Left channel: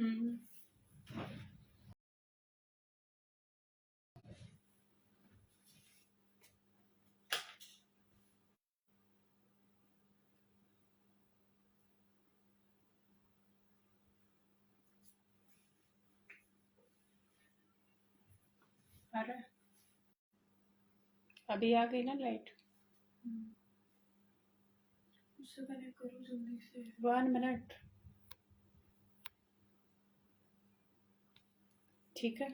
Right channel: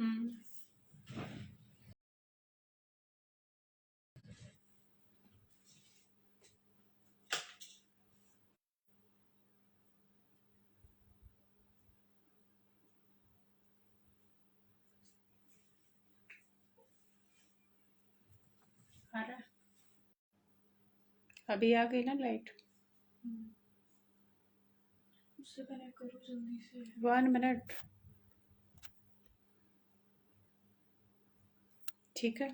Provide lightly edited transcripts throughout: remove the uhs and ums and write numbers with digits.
हम्म। आ रहा है। अभी आ गई ना लाइट। उससे कनेक्ट करो जल्दी से। 1 मिनट। ठीक है।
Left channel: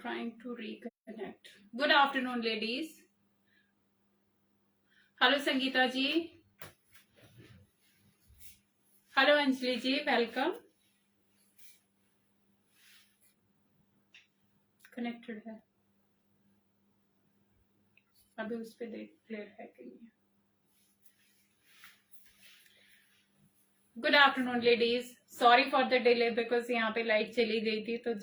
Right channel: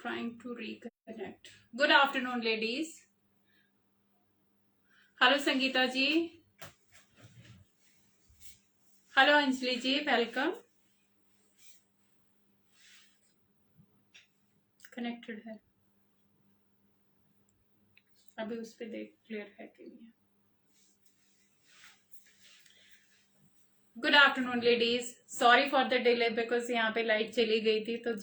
Trying to reconnect. Good afternoon, ladies. Hello Sangeeta ji, hello Anjali ji, welcome. Connected है, अभी उस पे देख क्लियर है कि नहीं। Good afternoon ladies, sorry for the delay because यहाँ पे लाइट चली गई थी तो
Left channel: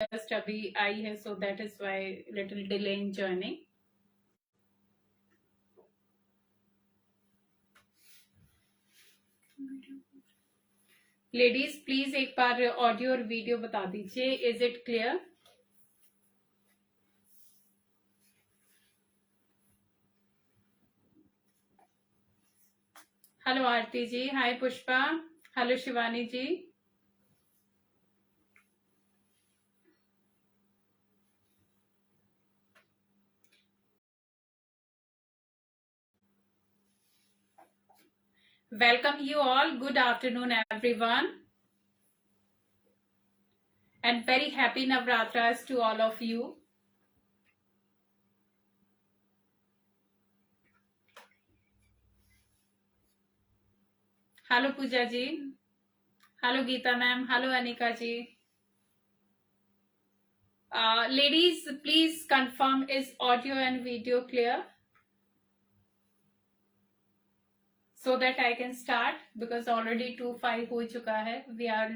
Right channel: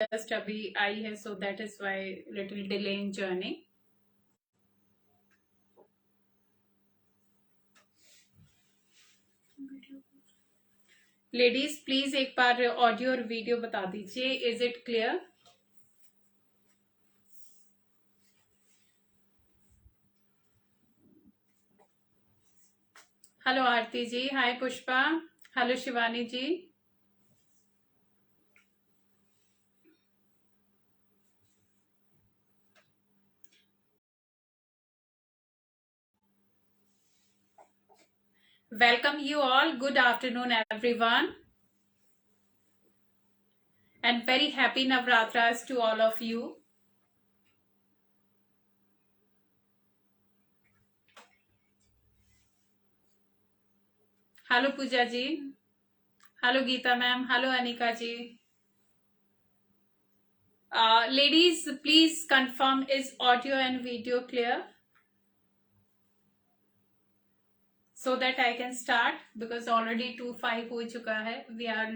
जस्ट अभी आई है, so that is why little delay in journey. Ladies please एक बार ऑडियो और वीडियो बता दीजिए, is it clear? Hello Aarti ji, hi Pushpa, hello Shivani ji. Welcome you all. Good afternoon, everyone. And very happy Navratras to all of you. Hello Pooja ji. Hello Geeta ma'am. Hello Anika ji. Ladies, please confirm, is audio and video clear? So that I can start, because already 2:05 हो चुका है. We are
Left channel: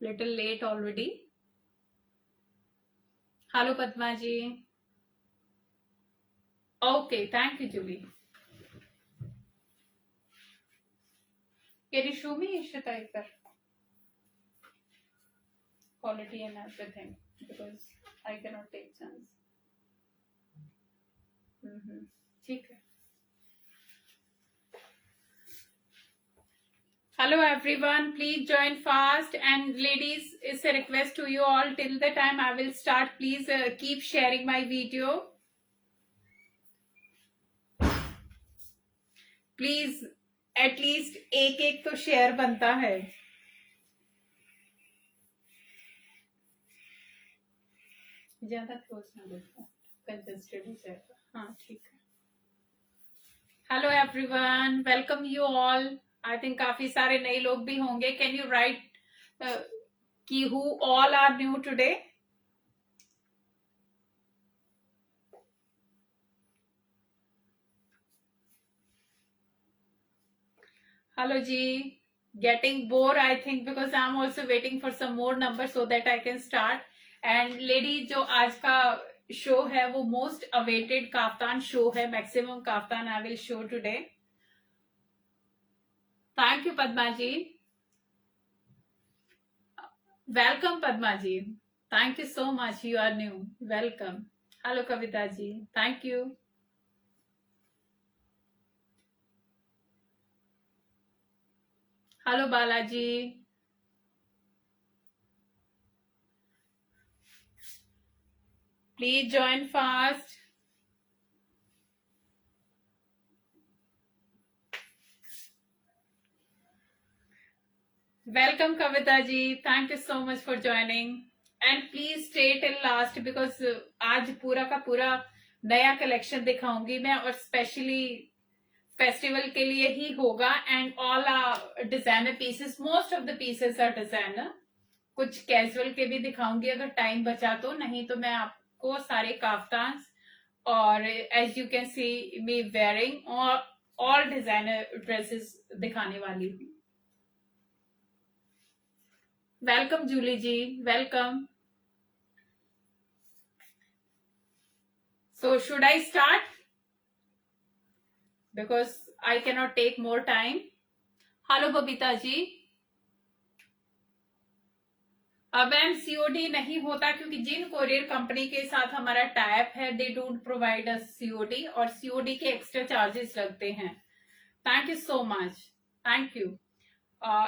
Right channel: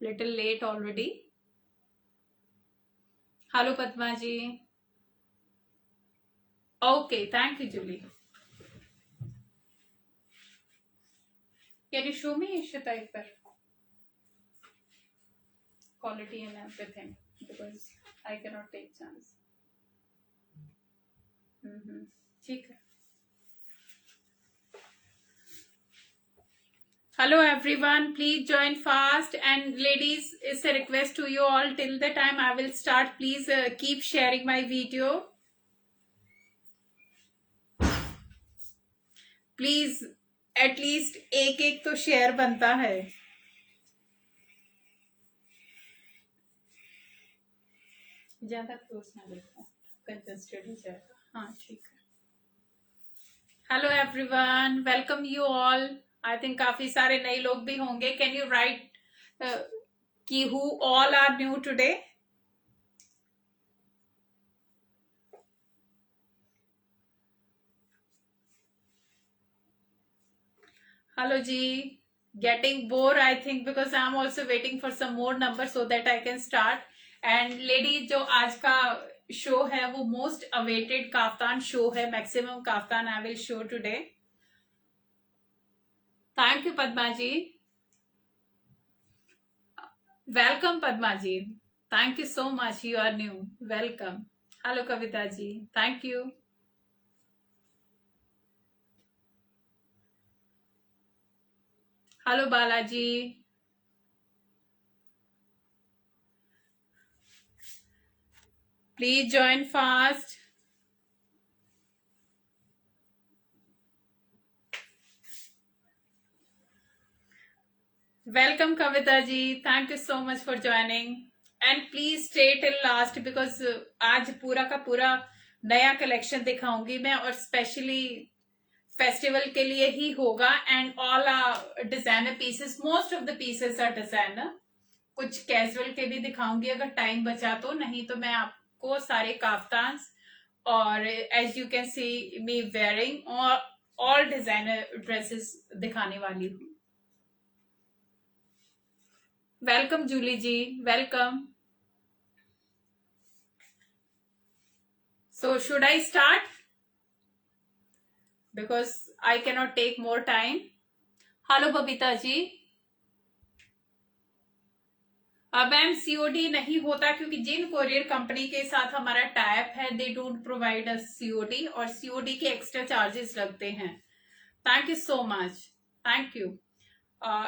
little late already. Hello Padma ji. Okay, thank you Julie. Can you show me Ishita एक बार? Quality and everything, because I cannot take chance. ठीक है. Hello everyone, please join fast, and ladies, it's a request to you all, till the time I will start, please keep sharing my video. Please at least एक तो share बनता है. ज्यादा close ना देखो, congested हो जाएगा. हाँ ठीक है. Hello everyone, welcome you all. I think काफी सारे नए लोग भी होंगे. कैन यू राइट कि who all are new today? Hello जी. Getting bored I think, because I'm also waiting for some more numbers so that I can start. And lady, जो आज का शो है वो मोस्ट अवेटेड काफ्तान शो है. Maximum kaftan I will show today. Thank you Padma ji. Welcome Padma ji. Thank you so much. You are new. Welcome. Hello Kavita ji. Thank you. Hello Balaji. Please join fast. Welcome Kavita ji. Thank you so much for joining. And please stay till last, because आज पूरा का पूरा नया collection दिखाऊंगी मैं, और specially festival के लिए ही होगा. And all designer pieces, most of the pieces are designer. कुछ कैजुअल के भी दिखाऊंगी अगर टाइम बचा तो, नहीं तो मैं आपको सारे काफ्तान और as you can see me wearing और ऑल डिजाइनर ड्रेसेस दिखाने वाली हूँ. Welcome Julie ji. Welcome. So should I start? because I cannot take more time. Hello Babita ji. Ma'am C O D नहीं होता क्योंकि जिन कोरियर कंपनी के साथ हमारा टाइप है they don't provide us COD, और सीओडी के एक्स्ट्रा चार्जेस लगते हैं। Thank you so much, thank you.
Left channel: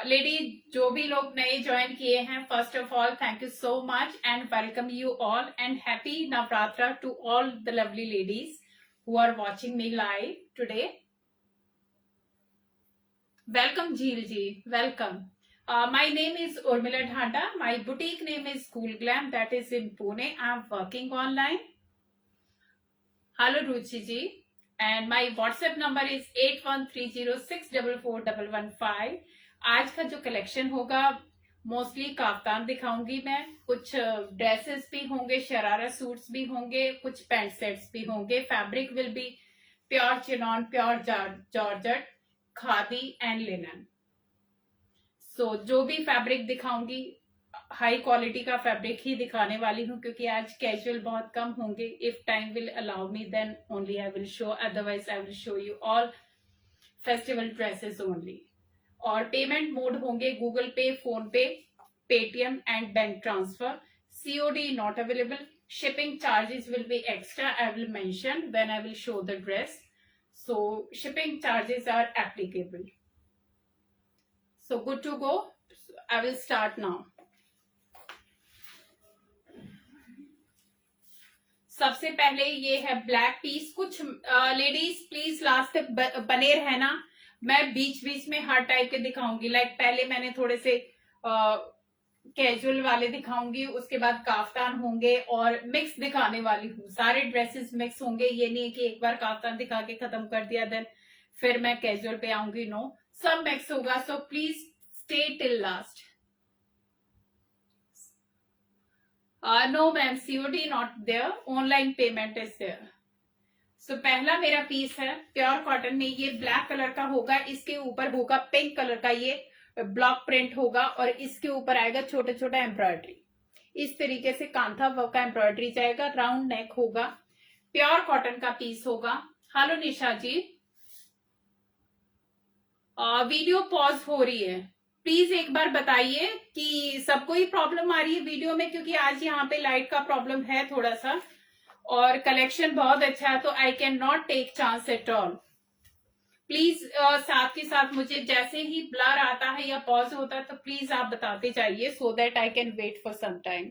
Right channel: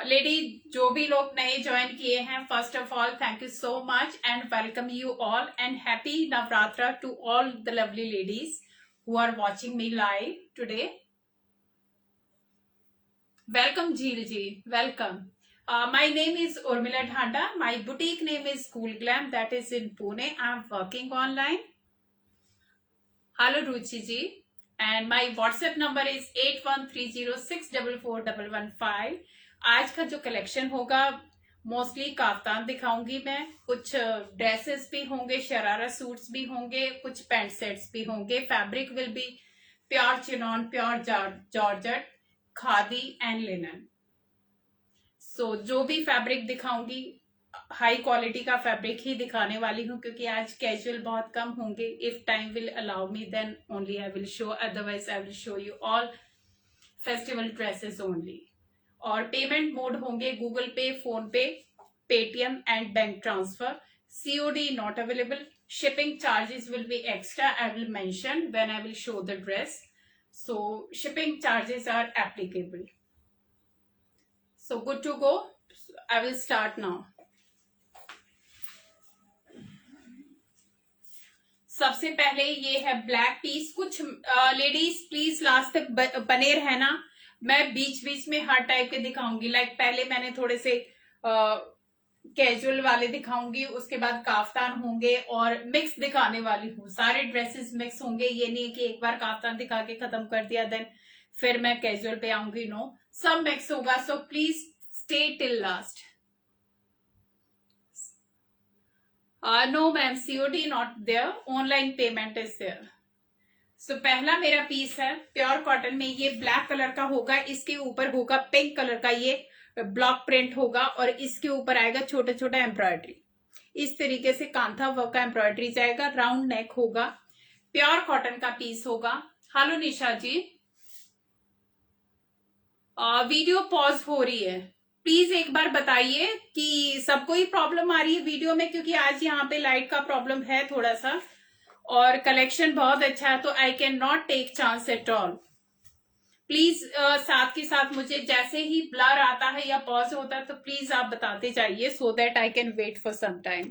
Lady जो भी लोग नए ज्वाइन किए हैं, first of all thank you so much and welcome you all and happy Navratra to all the lovely ladies who are watching me live today. Welcome Jheel ji, welcome. My name is Urmila Dhanda. My boutique name is Cool Glam, that is in Pune. I'm working online. Hello Ruchi ji, and my WhatsApp number is 8130644115. आज का जो collection होगा mostly kaftan दिखाऊंगी मैं, कुछ dresses भी होंगे, sharara suits भी होंगे, कुछ पैंट सेट्स भी होंगे। Fabric will be pure chiffon, pure georgette, khadi and linen. So जो भी फैब्रिक दिखाऊंगी हाई क्वालिटी का फैब्रिक ही दिखाने वाली हूँ, क्योंकि आज कैजुअल बहुत कम होंगे। If time will allow me then only I will show, otherwise I will show you all festival dresses only. और पेमेंट मोड होंगे Google Pay, PhonePe, Paytm and bank transfer. C O D not available. Shipping charges will be extra, I will mention when I will show the dress. So shipping charges are applicable. So good to go. I will start now. सबसे पहले ये है black piece. कुछ ladies please last तक बने रहना, मैं बीच बीच में हर टाइप के दिखाऊंगी। लाइक पहले मैंने थोड़े से कैजुअल वाले दिखाऊंगी, उसके बाद काफ्तान होंगे और मिक्स दिखाने वाली हूँ। सारे ड्रेसेस मिक्स होंगे, ये नहीं है कि एक बार काफ्तान दिखा के खत्म कर दिया देन फिर मैं कैजुअल पे आऊंगी। नो, सब मिक्स होगा। So please stay till last. No ma'am, C O D not there, online payment is there. So पहला मेरा पीस है प्योर कॉटन में, ये ब्लैक कलर का होगा, इसके ऊपर होगा पिंक कलर का ये ब्लॉक प्रिंट होगा, और इसके ऊपर आएगा छोटा छोटा एम्ब्रॉयडरी। इस तरीके से कांथा वर्क का एम्ब्रॉयडरी जाएगा, राउंड नेक होगा, प्योर कॉटन का पीस होगा। हेलो निशा जी, वीडियो पॉज हो रही है, प्लीज एक बार बताइए कि सबको ही प्रॉब्लम आ रही है वीडियो में, क्योंकि आज यहाँ पे लाइट का प्रॉब्लम है थोड़ा सा, और कलेक्शन बहुत अच्छा है तो I can not take chance at all. Please साथ के साथ मुझे जैसे ही ब्लर आता है या पॉज होता है तो प्लीज आप बताते जाइए, so that I can wait for some time.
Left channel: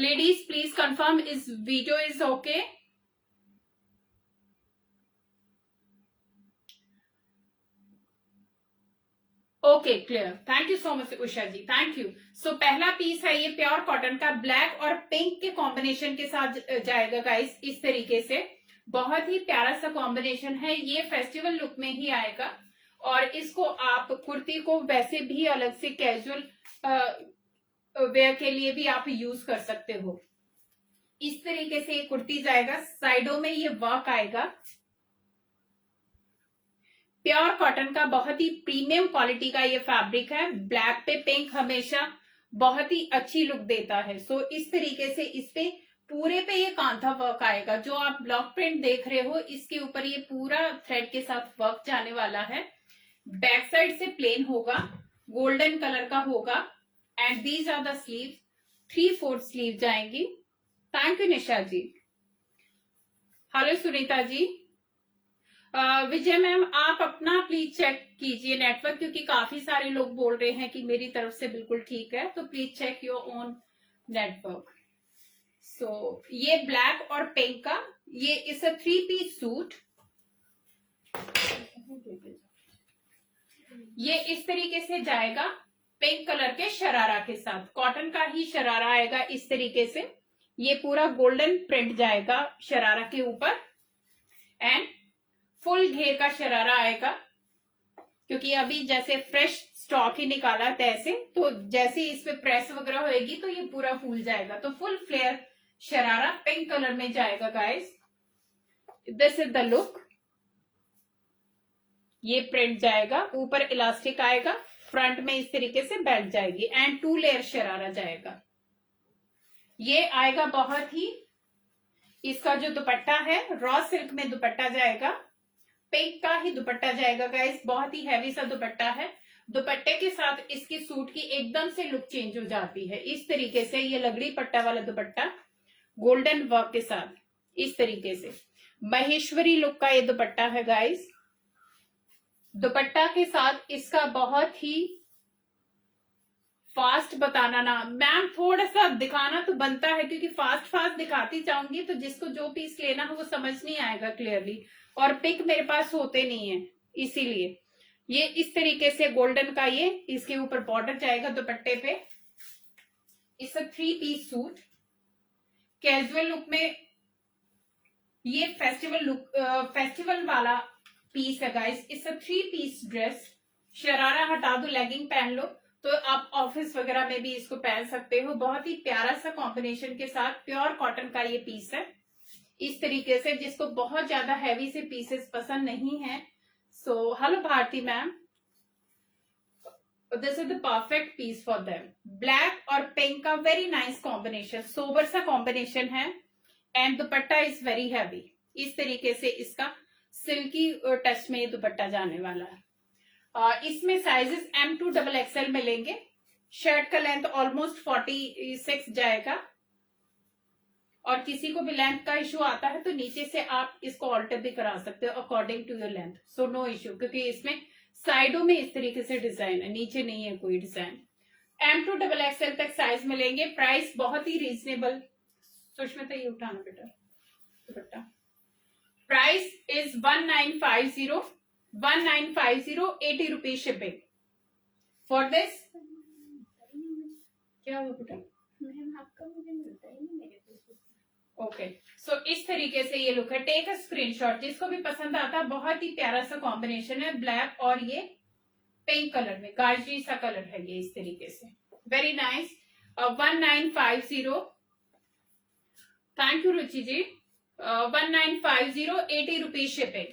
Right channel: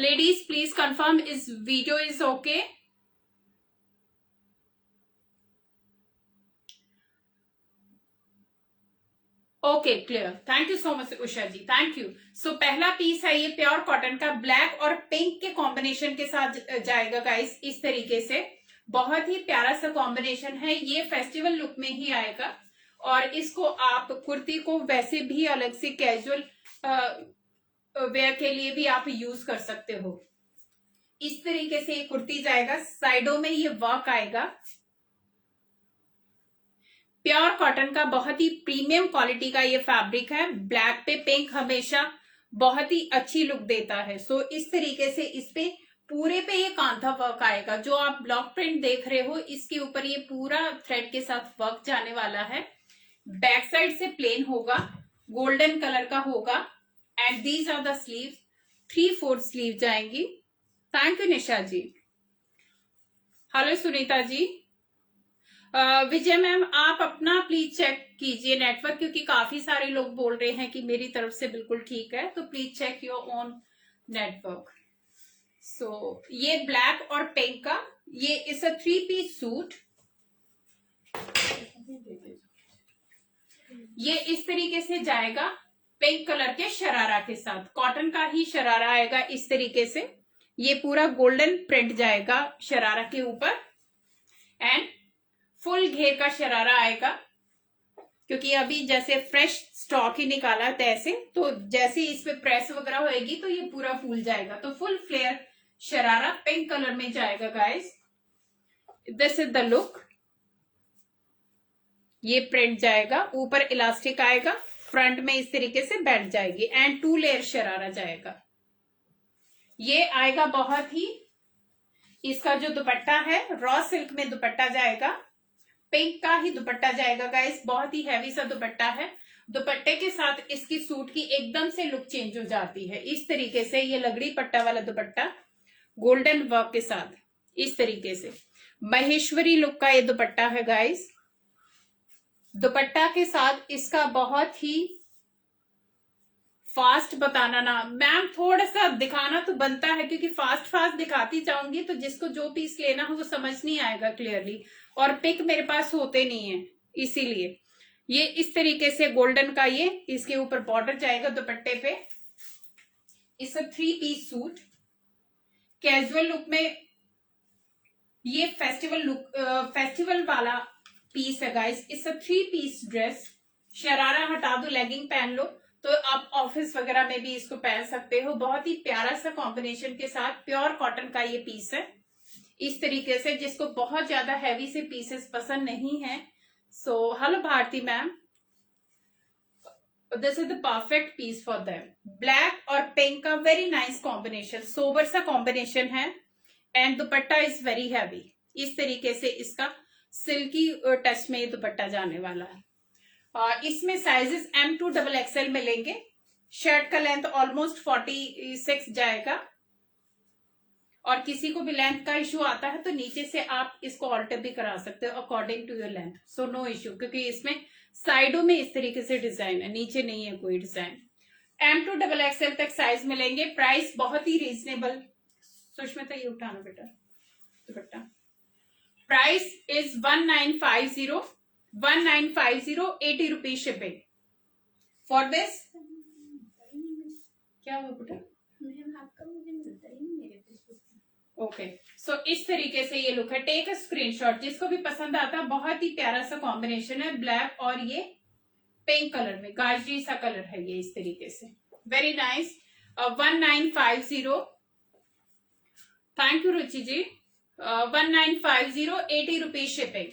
Ladies please confirm इस video is okay. Okay, clear. Thank you so much Usha ji, thank you. So पहला पीस है ये प्योर कॉटन का, ब्लैक और पिंक के कॉम्बिनेशन के साथ जाएगा गाइस, इस तरीके से। बहुत ही प्यारा सा कॉम्बिनेशन है, ये फेस्टिवल लुक में ही आएगा, और इसको आप कुर्ती को वैसे भी अलग से कैजुअल वेयर के लिए भी आप यूज कर सकते हो। इस तरीके से ये कुर्ती जाएगा, साइडों में ये वर्क आएगा। प्योर कॉटन का बहुत ही प्रीमियम क्वालिटी का ये फैब्रिक है। ब्लैक पे पिंक हमेशा बहुत ही अच्छी लुक देता है। सो इस तरीके से इस पे पूरे पे ये कांथा वर्क आएगा। जो आप ब्लॉक प्रिंट देख रहे हो इसके ऊपर ये पूरा थ्रेड के साथ वर्क जाने वाला है। बैक साइड से प्लेन होगा, गोल्डन कलर का होगा, and these are the sleeves, 3/4 sleeve जाएंगी। Thank you Nisha ji. Hello Sunita ji. Vijay ma'am आप अपना प्लीज चेक कीजिए नेटवर्क, क्योंकि काफी सारे लोग बोल रहे हैं कि मेरी तरफ से बिल्कुल ठीक है, तो please check your own network. So ये ब्लैक और पिंक का, ये इस 3 पीस सूट, ये इस तरीके से जाएगा पिंक कलर के शरारा के साथ। कॉटन का ही शरारा आएगा इस तरीके से, ये पूरा गोल्डन प्रिंट जाएगा शरारा के ऊपर, एंड फुल घेर का शरारा आएगा, क्योंकि अभी जैसे फ्रेश स्टॉक ही निकाला है तैसे, तो जैसे इस पे प्रेस वगैरह होएगी तो ये पूरा फूल जाएगा। तो full flare sharara pink colour में जाएगा guys. This is the look. ये प्रिंट जाएगा, ऊपर इलास्टिक आएगा, फ्रंट में इस तरीके से बैठ जाएगी, एंड 2 लेयर शरारा जाएगा। ये आएगा बहुत ही इसका जो दुपट्टा है रॉ सिल्क में दुपट्टा जाएगा, पिंक का ही दुपट्टा जाएगा गाइस, बहुत ही हैवी सा दुपट्टा है। दुपट्टे के साथ इसकी सूट की एकदम से लुक चेंज हो जाती है। इस तरीके से ये लगड़ी पट्टा वाला दुपट्टा गोल्डन वर्क के साथ, इस तरीके से महेश्वरी लुक का ये दुपट्टा है गाइस। दुपट्टा के साथ इसका बहुत ही फास्ट बताना ना मैम, थोड़ा सा दिखाना तो बनता है क्योंकि फास्ट फास्ट दिखाती जाऊंगी तो जिसको जो पीस लेना हो वो समझ नहीं आएगा क्लियरली, और पिक मेरे पास होते नहीं है, इसीलिए ये इस तरीके से गोल्डन का ये इसके ऊपर बॉर्डर जाएगा दुपट्टे पे। इस 3 पीस सूट कैजुअल लुक में, ये फेस्टिवल लुक फेस्टिवल वाला पीस है गाइस। इस 3 पीस ड्रेस, शरारा हटा दो, लेगिंग पहन लो तो आप ऑफिस वगैरह में भी इसको पहन सकते हो। बहुत ही प्यारा सा कॉम्बिनेशन के साथ प्योर कॉटन का ये पीस है, इस तरीके से, जिसको बहुत ज्यादा हैवी से पीसेस पसंद नहीं है। So hello Bharti ma'am, this is the perfect piece for them. Black और पिंक का वेरी नाइस कॉम्बिनेशन, सोबर सा कॉम्बिनेशन है and dupatta is very heavy. इस तरीके से इसका सिल्की टच में ये दुपट्टा जाने वाला है। इसमें साइजेस M2 XXL मिलेंगे। शर्ट का लेंथ ऑलमोस्ट 46 जाएगा, और किसी को भी लेंथ का इशू आता है तो नीचे से आप इसको ऑल्टर भी करा सकते हो according to your length, so no issue, क्योंकि इसमें साइडों में इस तरीके से डिजाइन है, नीचे नहीं है कोई डिजाइन। M2 XXL तक साइज मिलेंगे। प्राइस बहुत ही रीजनेबल। सुष्मिता ये उठाना बेटा दुपट्टा। Price is 1950, 80 rupees shipping for this. क्या हुआ बेटा? मैम आपका मुझे मिलता ही नहीं मेरे फेसबुक पे। ओके, सो इस तरीके से ये लुक है। टेक अ स्क्रीनशॉट, जिसको भी पसंद आता है। बहुत ही प्यारा सा कॉम्बिनेशन है, ब्लैक और ये पिंक कलर में, गाजरी सा कलर है ये, इस तरीके से very nice. 1950, thank you Ruchi ji. 1950, 80 rupees shipping.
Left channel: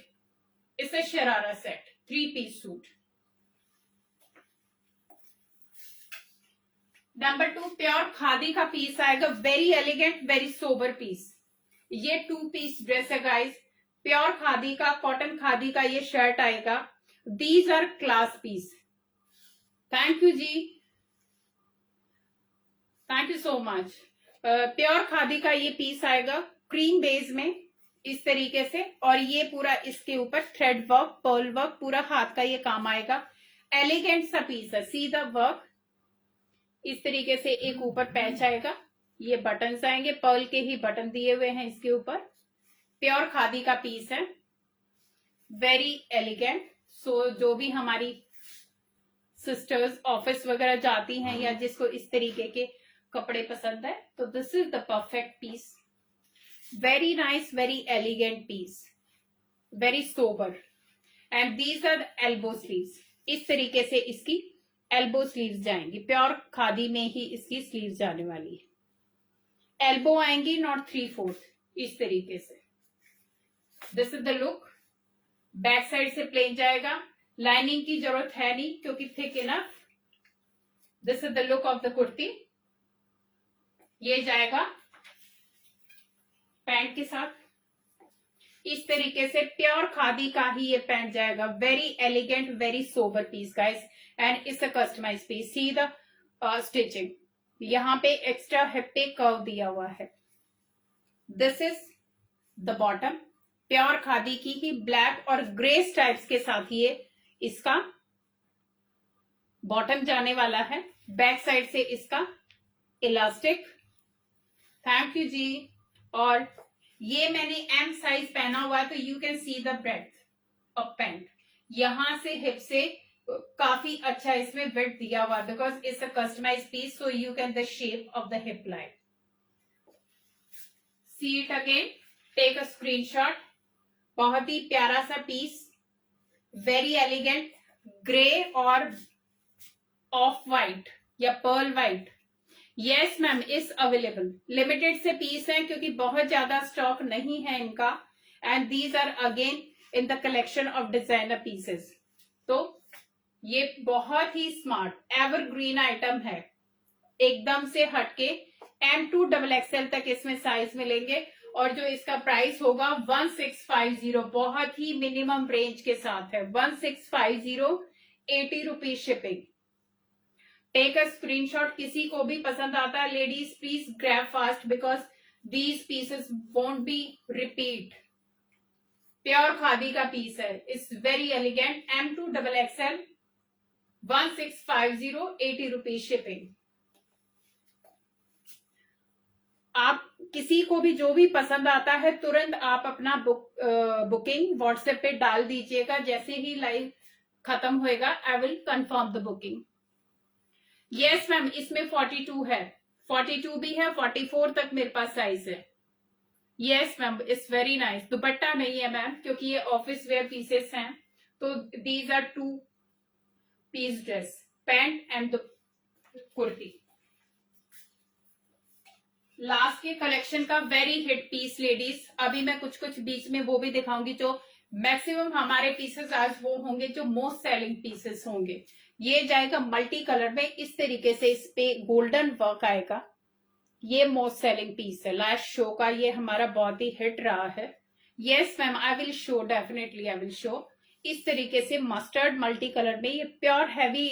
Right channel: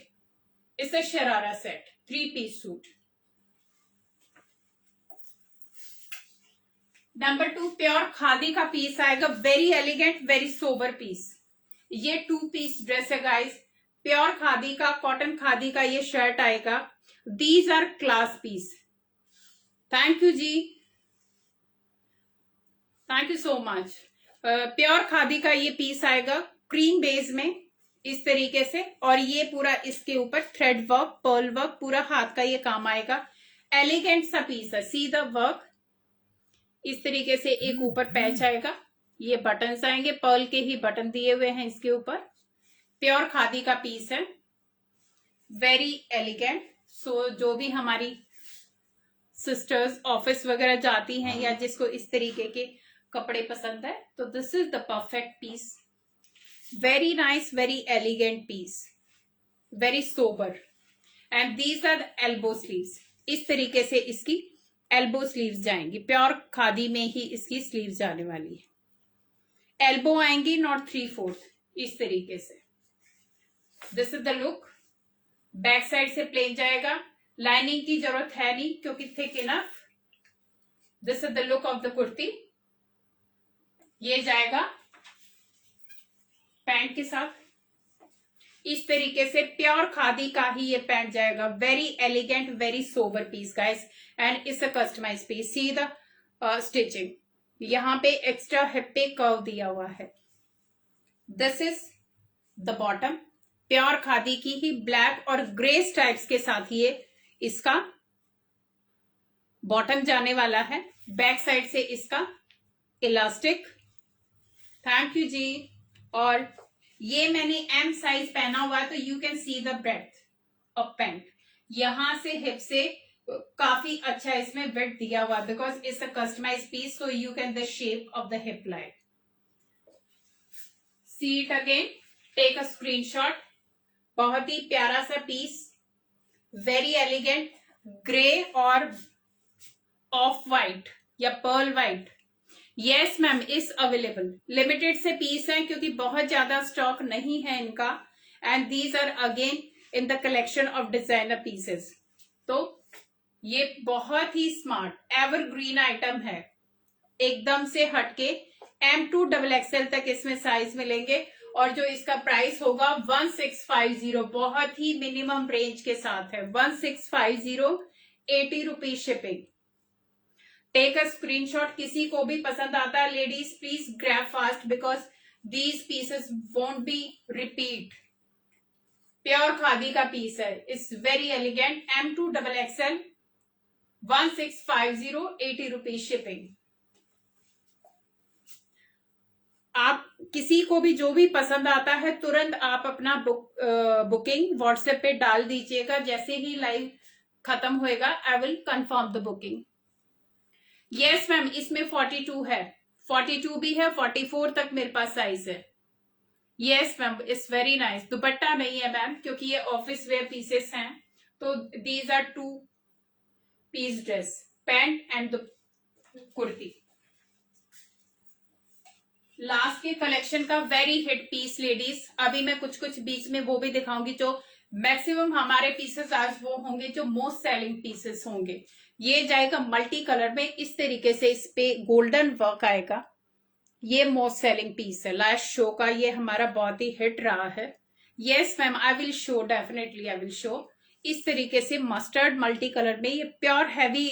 It's a sharara set, 3 piece suit. Number 2 pure khadi का पीस आएगा, very elegant, very sober piece. ये 2 पीस ड्रेस है गाइस, प्योर खादी का, कॉटन खादी का ये शर्ट आएगा। These are class piece. Thank you जी, thank you so much. Pure khadi का ये पीस आएगा क्रीम बेस में, इस तरीके से, और ये पूरा इसके ऊपर थ्रेड वर्क, पर्ल वर्क, पूरा हाथ का ये काम आएगा। एलिगेंट सा पीस है, सी द वर्क। इस तरीके से एक ऊपर पैच आएगा, ये बटन्स आएंगे, पर्ल के ही बटन दिए हुए हैं इसके ऊपर। प्योर खादी का पीस है, वेरी एलिगेंट। सो जो भी हमारी सिस्टर्स ऑफिस वगैरह जाती हैं या जिसको इस तरीके के कपड़े पसंद है, तो this is the perfect piece. Very nice, very elegant piece, very sober. And these are the elbow sleeves. इस तरीके से इसकी एल्बो स्लीव्स जाएंगी, प्योर खादी में ही इसकी स्लीव्स जाने वाली है। एल्बो आएंगी, नॉट 3/4, इस तरीके से। This is the look. Back side से प्लेन जाएगा, लाइनिंग की जरूरत है नहीं क्योंकि thick enough. This is the look of the kurti. ये जाएगा पैंट के साथ, इस तरीके से प्योर खादी का ही ये पैंट जाएगा। Very elegant, very sober piece guys, and it's a customise piece. See the stitching, यहाँ पे एक्स्ट्रा हिप पे कर्व दिया हुआ है। This is the bottom, pure khadi की ही ब्लैक और ग्रे स्ट्राइप्स के साथ ये इसका बॉटम जाने वाला है। बैक साइड से इसका इलास्टिक, थैंक यू जी। और ये मैंने M साइज पहना हुआ है, तो you can see the breadth of pant. यहां से हिप से काफी अच्छा इसमें विड्थ दिया हुआ, because it's a customise piece, so you can the shape of the hip line. See it again, take a screenshot. बहुत ही प्यारा सा पीस, वेरी एलिगेंट, ग्रे और ऑफ वाइट या pearl white. Yes ma'am, is available. Limited से piece है क्योंकि बहुत ज्यादा स्टॉक नहीं है इनका, and these are again in the collection of designer pieces. तो ये बहुत ही स्मार्ट एवरग्रीन आइटम है, एकदम से हटके। M2 XXL तक इसमें साइज मिलेंगे, और जो इसका प्राइस होगा 1650, बहुत ही मिनिमम रेंज के साथ है 1650, 80 rupees shipping. Take a screenshot, किसी को भी पसंद आता है ladies please grab fast because these pieces won't be repeat. Pure khadi का पीस है, it's very elegant, M2XXL, 1650, 80 rupees shipping. आप किसी को भी जो भी पसंद आता है तुरंत आप अपना बुकिंग व्हाट्सएप पे डाल दीजिएगा, जैसे ही लाइव खत्म होएगा I will confirm the booking. Yes ma'am, इसमें 42 है, 42 भी है, 44 तक मेरे पास साइज है। Yes ma'am, it's very nice. दुपट्टा नहीं है मैम क्योंकि ये ऑफिस वेयर पीसेस हैं, तो these are 2 piece dress, pant and kurti. Last के कलेक्शन का वेरी हिट पीस लेडीज, अभी मैं कुछ कुछ बीच में वो भी दिखाऊंगी जो मैक्सिमम हमारे पीसेस आज वो होंगे जो मोस्ट सेलिंग पीसेस होंगे। ये जाएगा मल्टी कलर में, इस तरीके से इस पे गोल्डन वर्क आएगा, ये मोस्ट सेलिंग पीस है लास्ट शो का, ये हमारा बहुत ही हिट रहा है। Yes ma'am, I will show, definitely I will show. इस तरीके से मस्टर्ड मल्टी कलर में, ये प्योर हैवी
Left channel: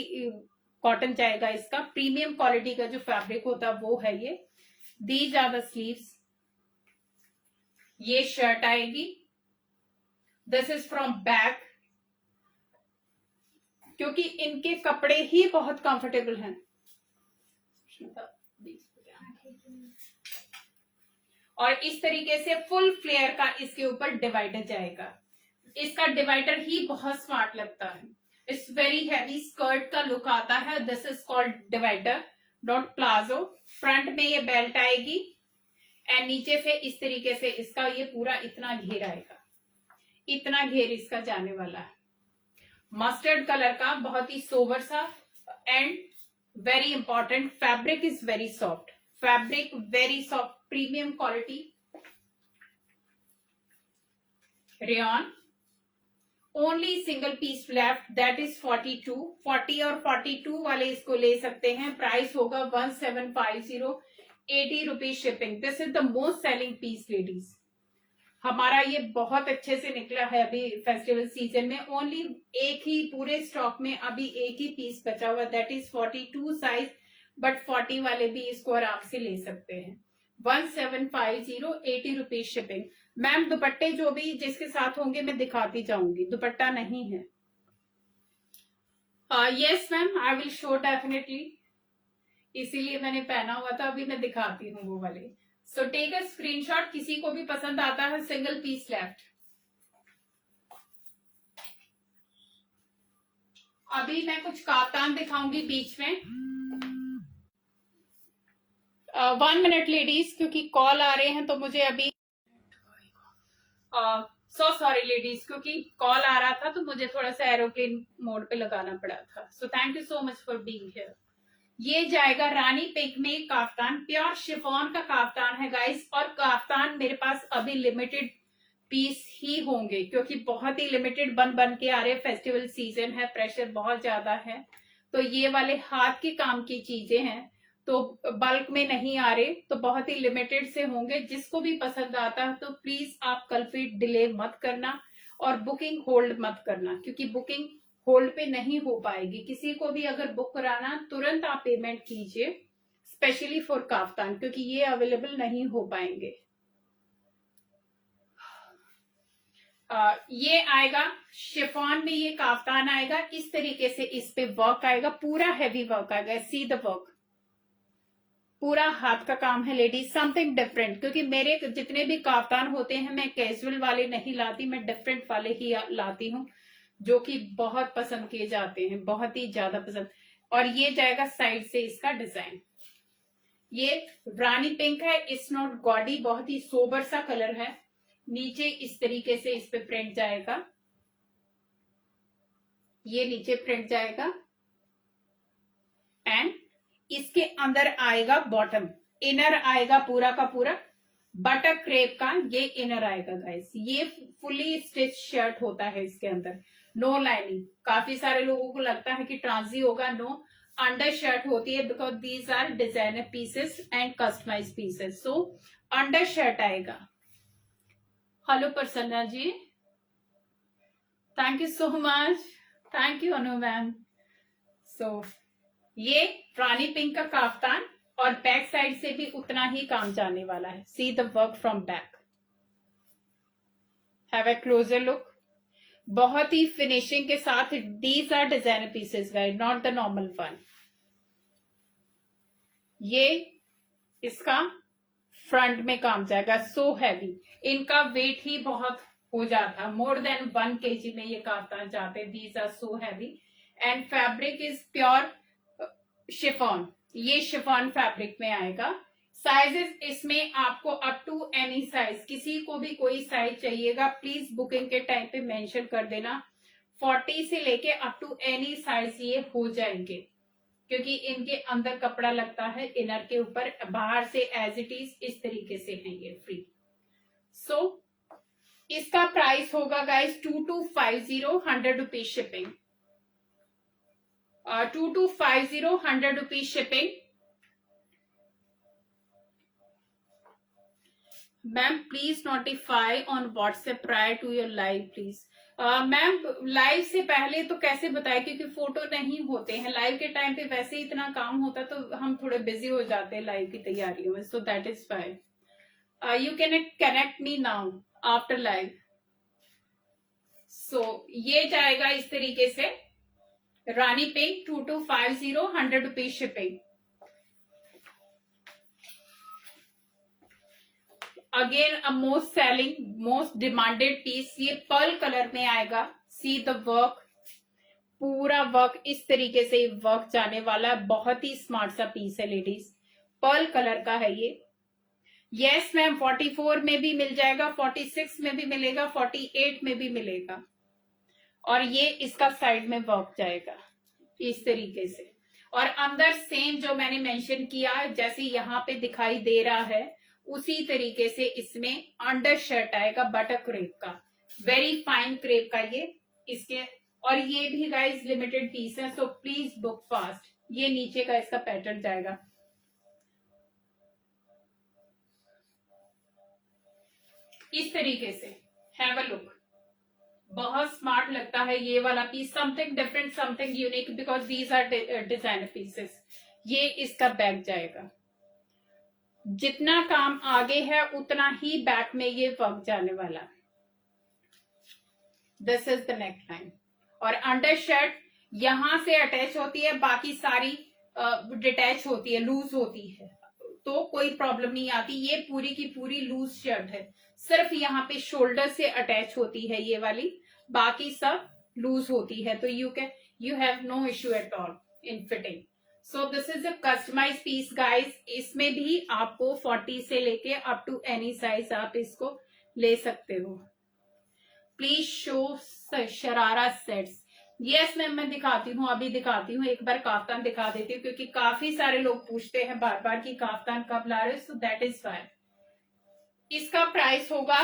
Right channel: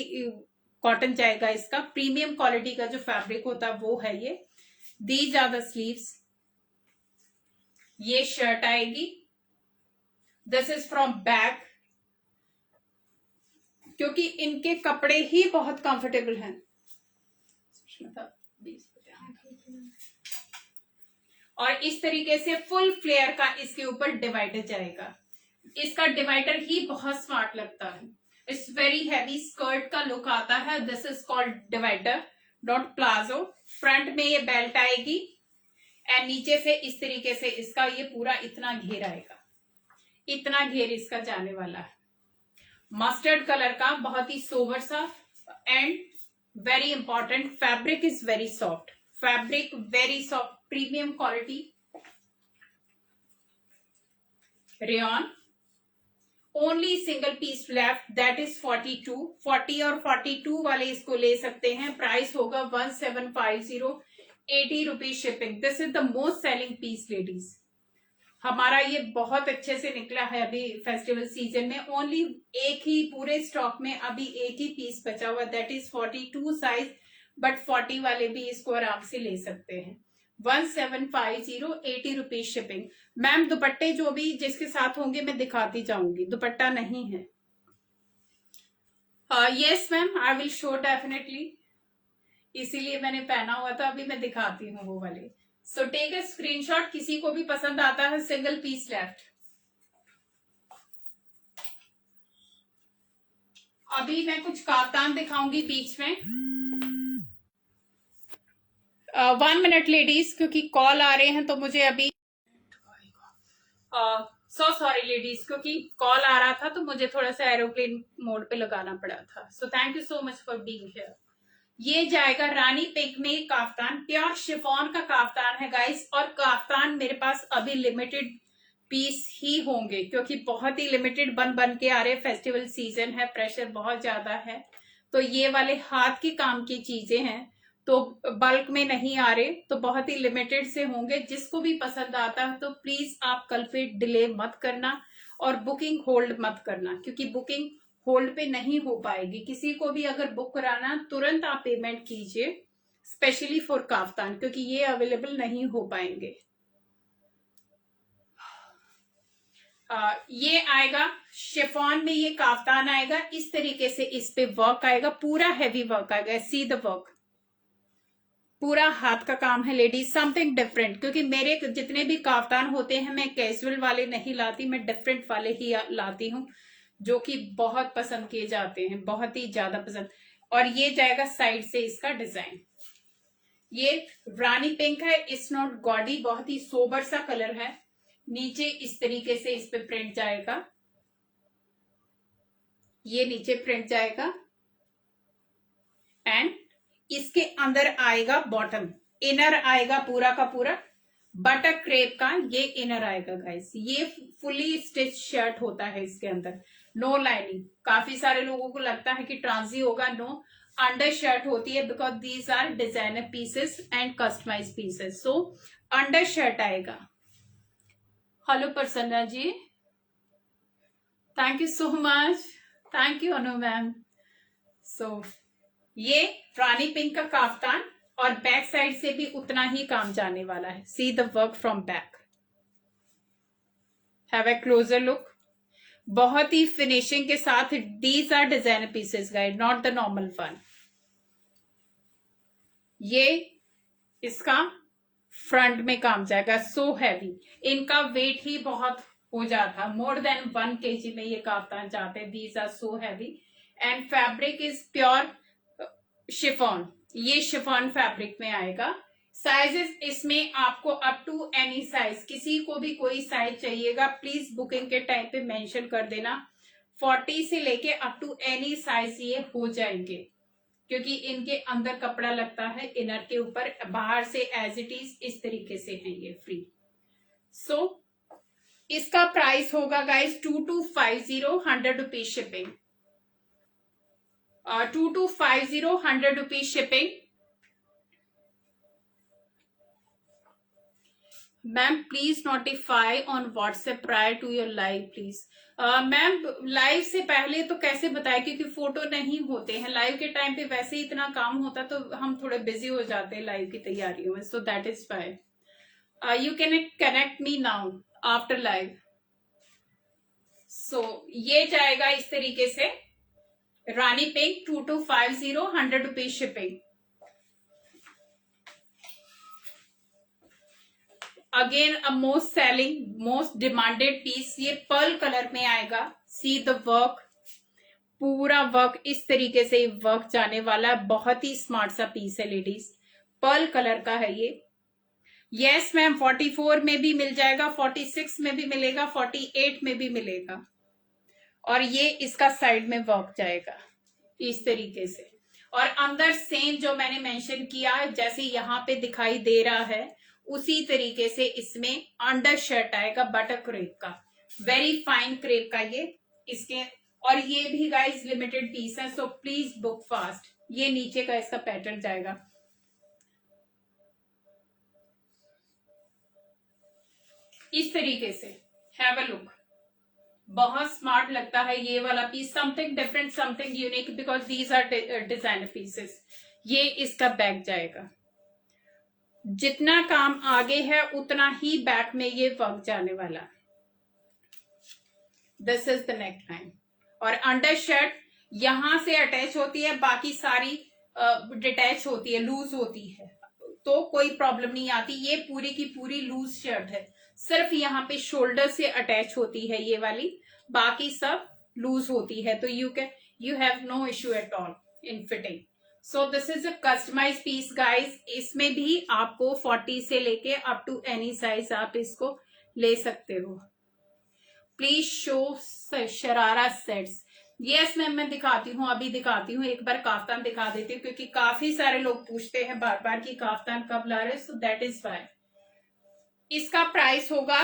कॉटन जाएगा, इसका प्रीमियम क्वालिटी का जो फैब्रिक होता है वो है ये। These are the sleeves, ये शर्ट आएगी, दिस इज फ्रॉम बैक, क्योंकि इनके कपड़े ही बहुत कंफर्टेबल हैं। और इस तरीके से फुल फ्लेयर का इसके ऊपर डिवाइडर जाएगा, इसका डिवाइडर ही बहुत स्मार्ट लगता है। इट्स वेरी हैवी स्कर्ट का लुक आता है, this is called divider dot palazzo. Front में ये बेल्ट आएगी एंड नीचे से इस तरीके से इसका ये पूरा इतना घेर आएगा, इतना घेर इसका जाने वाला है। मस्टर्ड कलर का बहुत ही सोबर सा, and very important, fabric is very soft, fabric very soft, premium quality rayon. Only single piece left, that is 42, 40 और 42 वाले इसको ले सकते हैं। प्राइस होगा 1750, 80 rupees shipping. This is the most selling piece ladies, हमारा ये बहुत अच्छे से निकला है अभी फेस्टिवल सीजन में। ओनली एक ही पूरे स्टॉक में अभी एक ही पीस बचा हुआ, दैट इज 42 साइज, बट 40 वाले भी इसको आराम से ले सकते हैं। 1750, 80 रुपीज शिपिंग। मैम दुपट्टे जो भी जिसके साथ होंगे मैं दिखाती जाऊंगी, दुपट्टा नहीं है। Yes ma'am, I will show definitely, इसीलिए मैंने पहना हुआ था, अभी मैं दिखाती हूँ वो वाले। सो टेक अ स्क्रीनशॉट, किसी को भी पसंद आता है, सिंगल पीस लेफ्ट। अभी मैं कुछ काफ्तान दिखाऊंगी बीच में। 1 मिनट लेडीज, क्योंकि कॉल आ रहे हैं तो मुझे अभी सो सॉरी लेडीज, क्योंकि कॉल आ रहा था तो मुझे थोड़ा सा एरोप्लेन मोड पे लगाना पड़ा था। सो thank you so much for being here. ये जाएगा रानी पिंक में काफ्तान, प्योर शिफॉन का काफ्तान है गाइस, और काफ्तान मेरे पास अभी लिमिटेड पीस ही होंगे क्योंकि बहुत ही लिमिटेड बन के आ रहे, फेस्टिवल सीजन है, प्रेशर बहुत ज्यादा है, तो ये वाले हाथ के काम की चीजें हैं तो बल्क में नहीं आ रहे, तो बहुत ही लिमिटेड से होंगे। जिसको भी पसंद आता है तो प्लीज आप कल फिर डिले मत करना और बुकिंग होल्ड मत करना, क्योंकि बुकिंग होल्ड पे नहीं हो पाएगी। किसी को भी अगर बुक कराना तुरंत आप पेमेंट कीजिए, स्पेशली फॉर काफ्तान, क्योंकि ये अवेलेबल नहीं हो पाएंगे। ये आएगा शिफॉन में, ये काफ्तान आएगा, इस तरीके से इस पे वर्क आएगा, पूरा हैवी वर्क आएगा, सी द वर्क, पूरा हाथ का काम है लेडीज, समथिंग डिफरेंट। क्योंकि मेरे जितने भी काफ्तान होते हैं मैं कैजुअल वाले नहीं लाती, मैं डिफरेंट वाले ही लाती हूँ जो कि बहुत पसंद किए जाते हैं, बहुत ही ज्यादा पसंद। और ये जाएगा साइड से इसका डिजाइन, ये रानी पिंक है, इट्स नॉट गॉडी, बहुत ही सोबर सा कलर है। नीचे इस तरीके से इस पे प्रिंट जाएगा, ये नीचे प्रिंट जाएगा, एंड इसके अंदर आएगा बॉटम, इनर आएगा पूरा का पूरा बटर क्रेप का, ये इनर आएगा गाइस। ये फुली स्टिच शर्ट होता है, इसके अंदर नो लाइनिंग। काफी सारे लोगों को लगता है कि ट्रांजी होगा, नो, अंडर शर्ट होती है because these are designer pieces and customise pieces. So under shirt आएगा, hello Prasanna ji, thank you so much, thank you Anu ma'am. So ये रानी पिंक का काफ्तान और बैक साइड से भी उतना ही काम जाने वाला है। See the work from back, have a closer look. बहुत ही फिनिशिंग के साथ। These are designer pieces guys, not the normal one. ये इसका फ्रंट में काम जाएगा, सो हैवी। इनका वेट ही बहुत हो जाता, मोर देन 1 kg में ये काफ्तान जाते हैं। These are so heavy and fabric is pure chiffon. ये शिफॉन फैब्रिक में आएगा। साइजेस इसमें आपको अप टू एनी साइज, किसी को भी कोई साइज चाहिएगा प्लीज बुकिंग के टाइम पे मेंशन कर देना। 40 से लेके अप टू एनी साइज ये हो जाएंगे, क्योंकि इनके अंदर कपड़ा लगता है इनर के ऊपर, बाहर से एज इट इज इस तरीके से है ये फ्री। सो इसका प्राइस होगा guys 2250, 100 rupees shipping. 2250, 100 rupees shipping. Ma'am please notify on WhatsApp prior to your live please. Ma'am live से पहले तो कैसे बताए, क्योंकि फोटो नहीं होते हैं लाइव के टाइम पे, वैसे ही इतना काम होता तो हम थोड़े बिजी हो जाते हैं लाइव की तैयारियों में। So that is fine. You can connect me now after live. So ये जाएगा इस तरीके से, rani pink 2250, 100 rupees shipping. Again a most selling most demanded piece, ये पर्ल कलर में आएगा। सी द वर्क, पूरा वर्क इस तरीके से वर्क जाने वाला है। बहुत ही स्मार्ट सा पीस है लेडीज, पर्ल कलर का है ये। यस मैम 44 में भी मिल जाएगा, 46 में भी मिलेगा, 48 में भी मिलेगा। और ये इसका साइड में वर्क जाएगा इस तरीके से। और अंदर सेम जो मैंने मेंशन किया, जैसे यहाँ पे दिखाई दे रहा है उसी तरीके से इसमें अंडर शर्ट आएगा बटर क्रेप का, वेरी फाइन क्रेप का ये इसके। और ये भी गाइस लिमिटेड पीस है, सो प्लीज बुक फास्ट। ये नीचे का इसका पैटर्न जाएगा इस तरीके से। हैव अ लुक, बहुत स्मार्ट लगता है ये वाला piece, something different, something unique, because these are designer pieces. ये इसका बैक जाएगा, जितना काम आगे है उतना ही बैक में ये वर्क जाने वाला। This is the neck line. और अंडर शर्ट यहां से अटैच होती है, बाकी सारी डिटैच होती है, लूज होती है, तो कोई प्रॉब्लम नहीं आती। ये पूरी की पूरी लूज शर्ट है, सिर्फ यहाँ पे शोल्डर से अटैच होती है ये वाली, बाकी सब लूज होती है। तो you have no issue at all in fitting. So this is a customise piece guys. इसमें भी आपको 40 से लेके अप टू एनी साइज आप इसको ले सकते हो। Please show sharara sets. Yes ma'am मैं दिखाती हूँ, अभी दिखाती हूँ, एक बार काफ्तान दिखा देती हूँ, क्योंकि काफी सारे लोग पूछते हैं बार बार कि काफ्तान कब ला रहे हो। So that is fine. इसका प्राइस होगा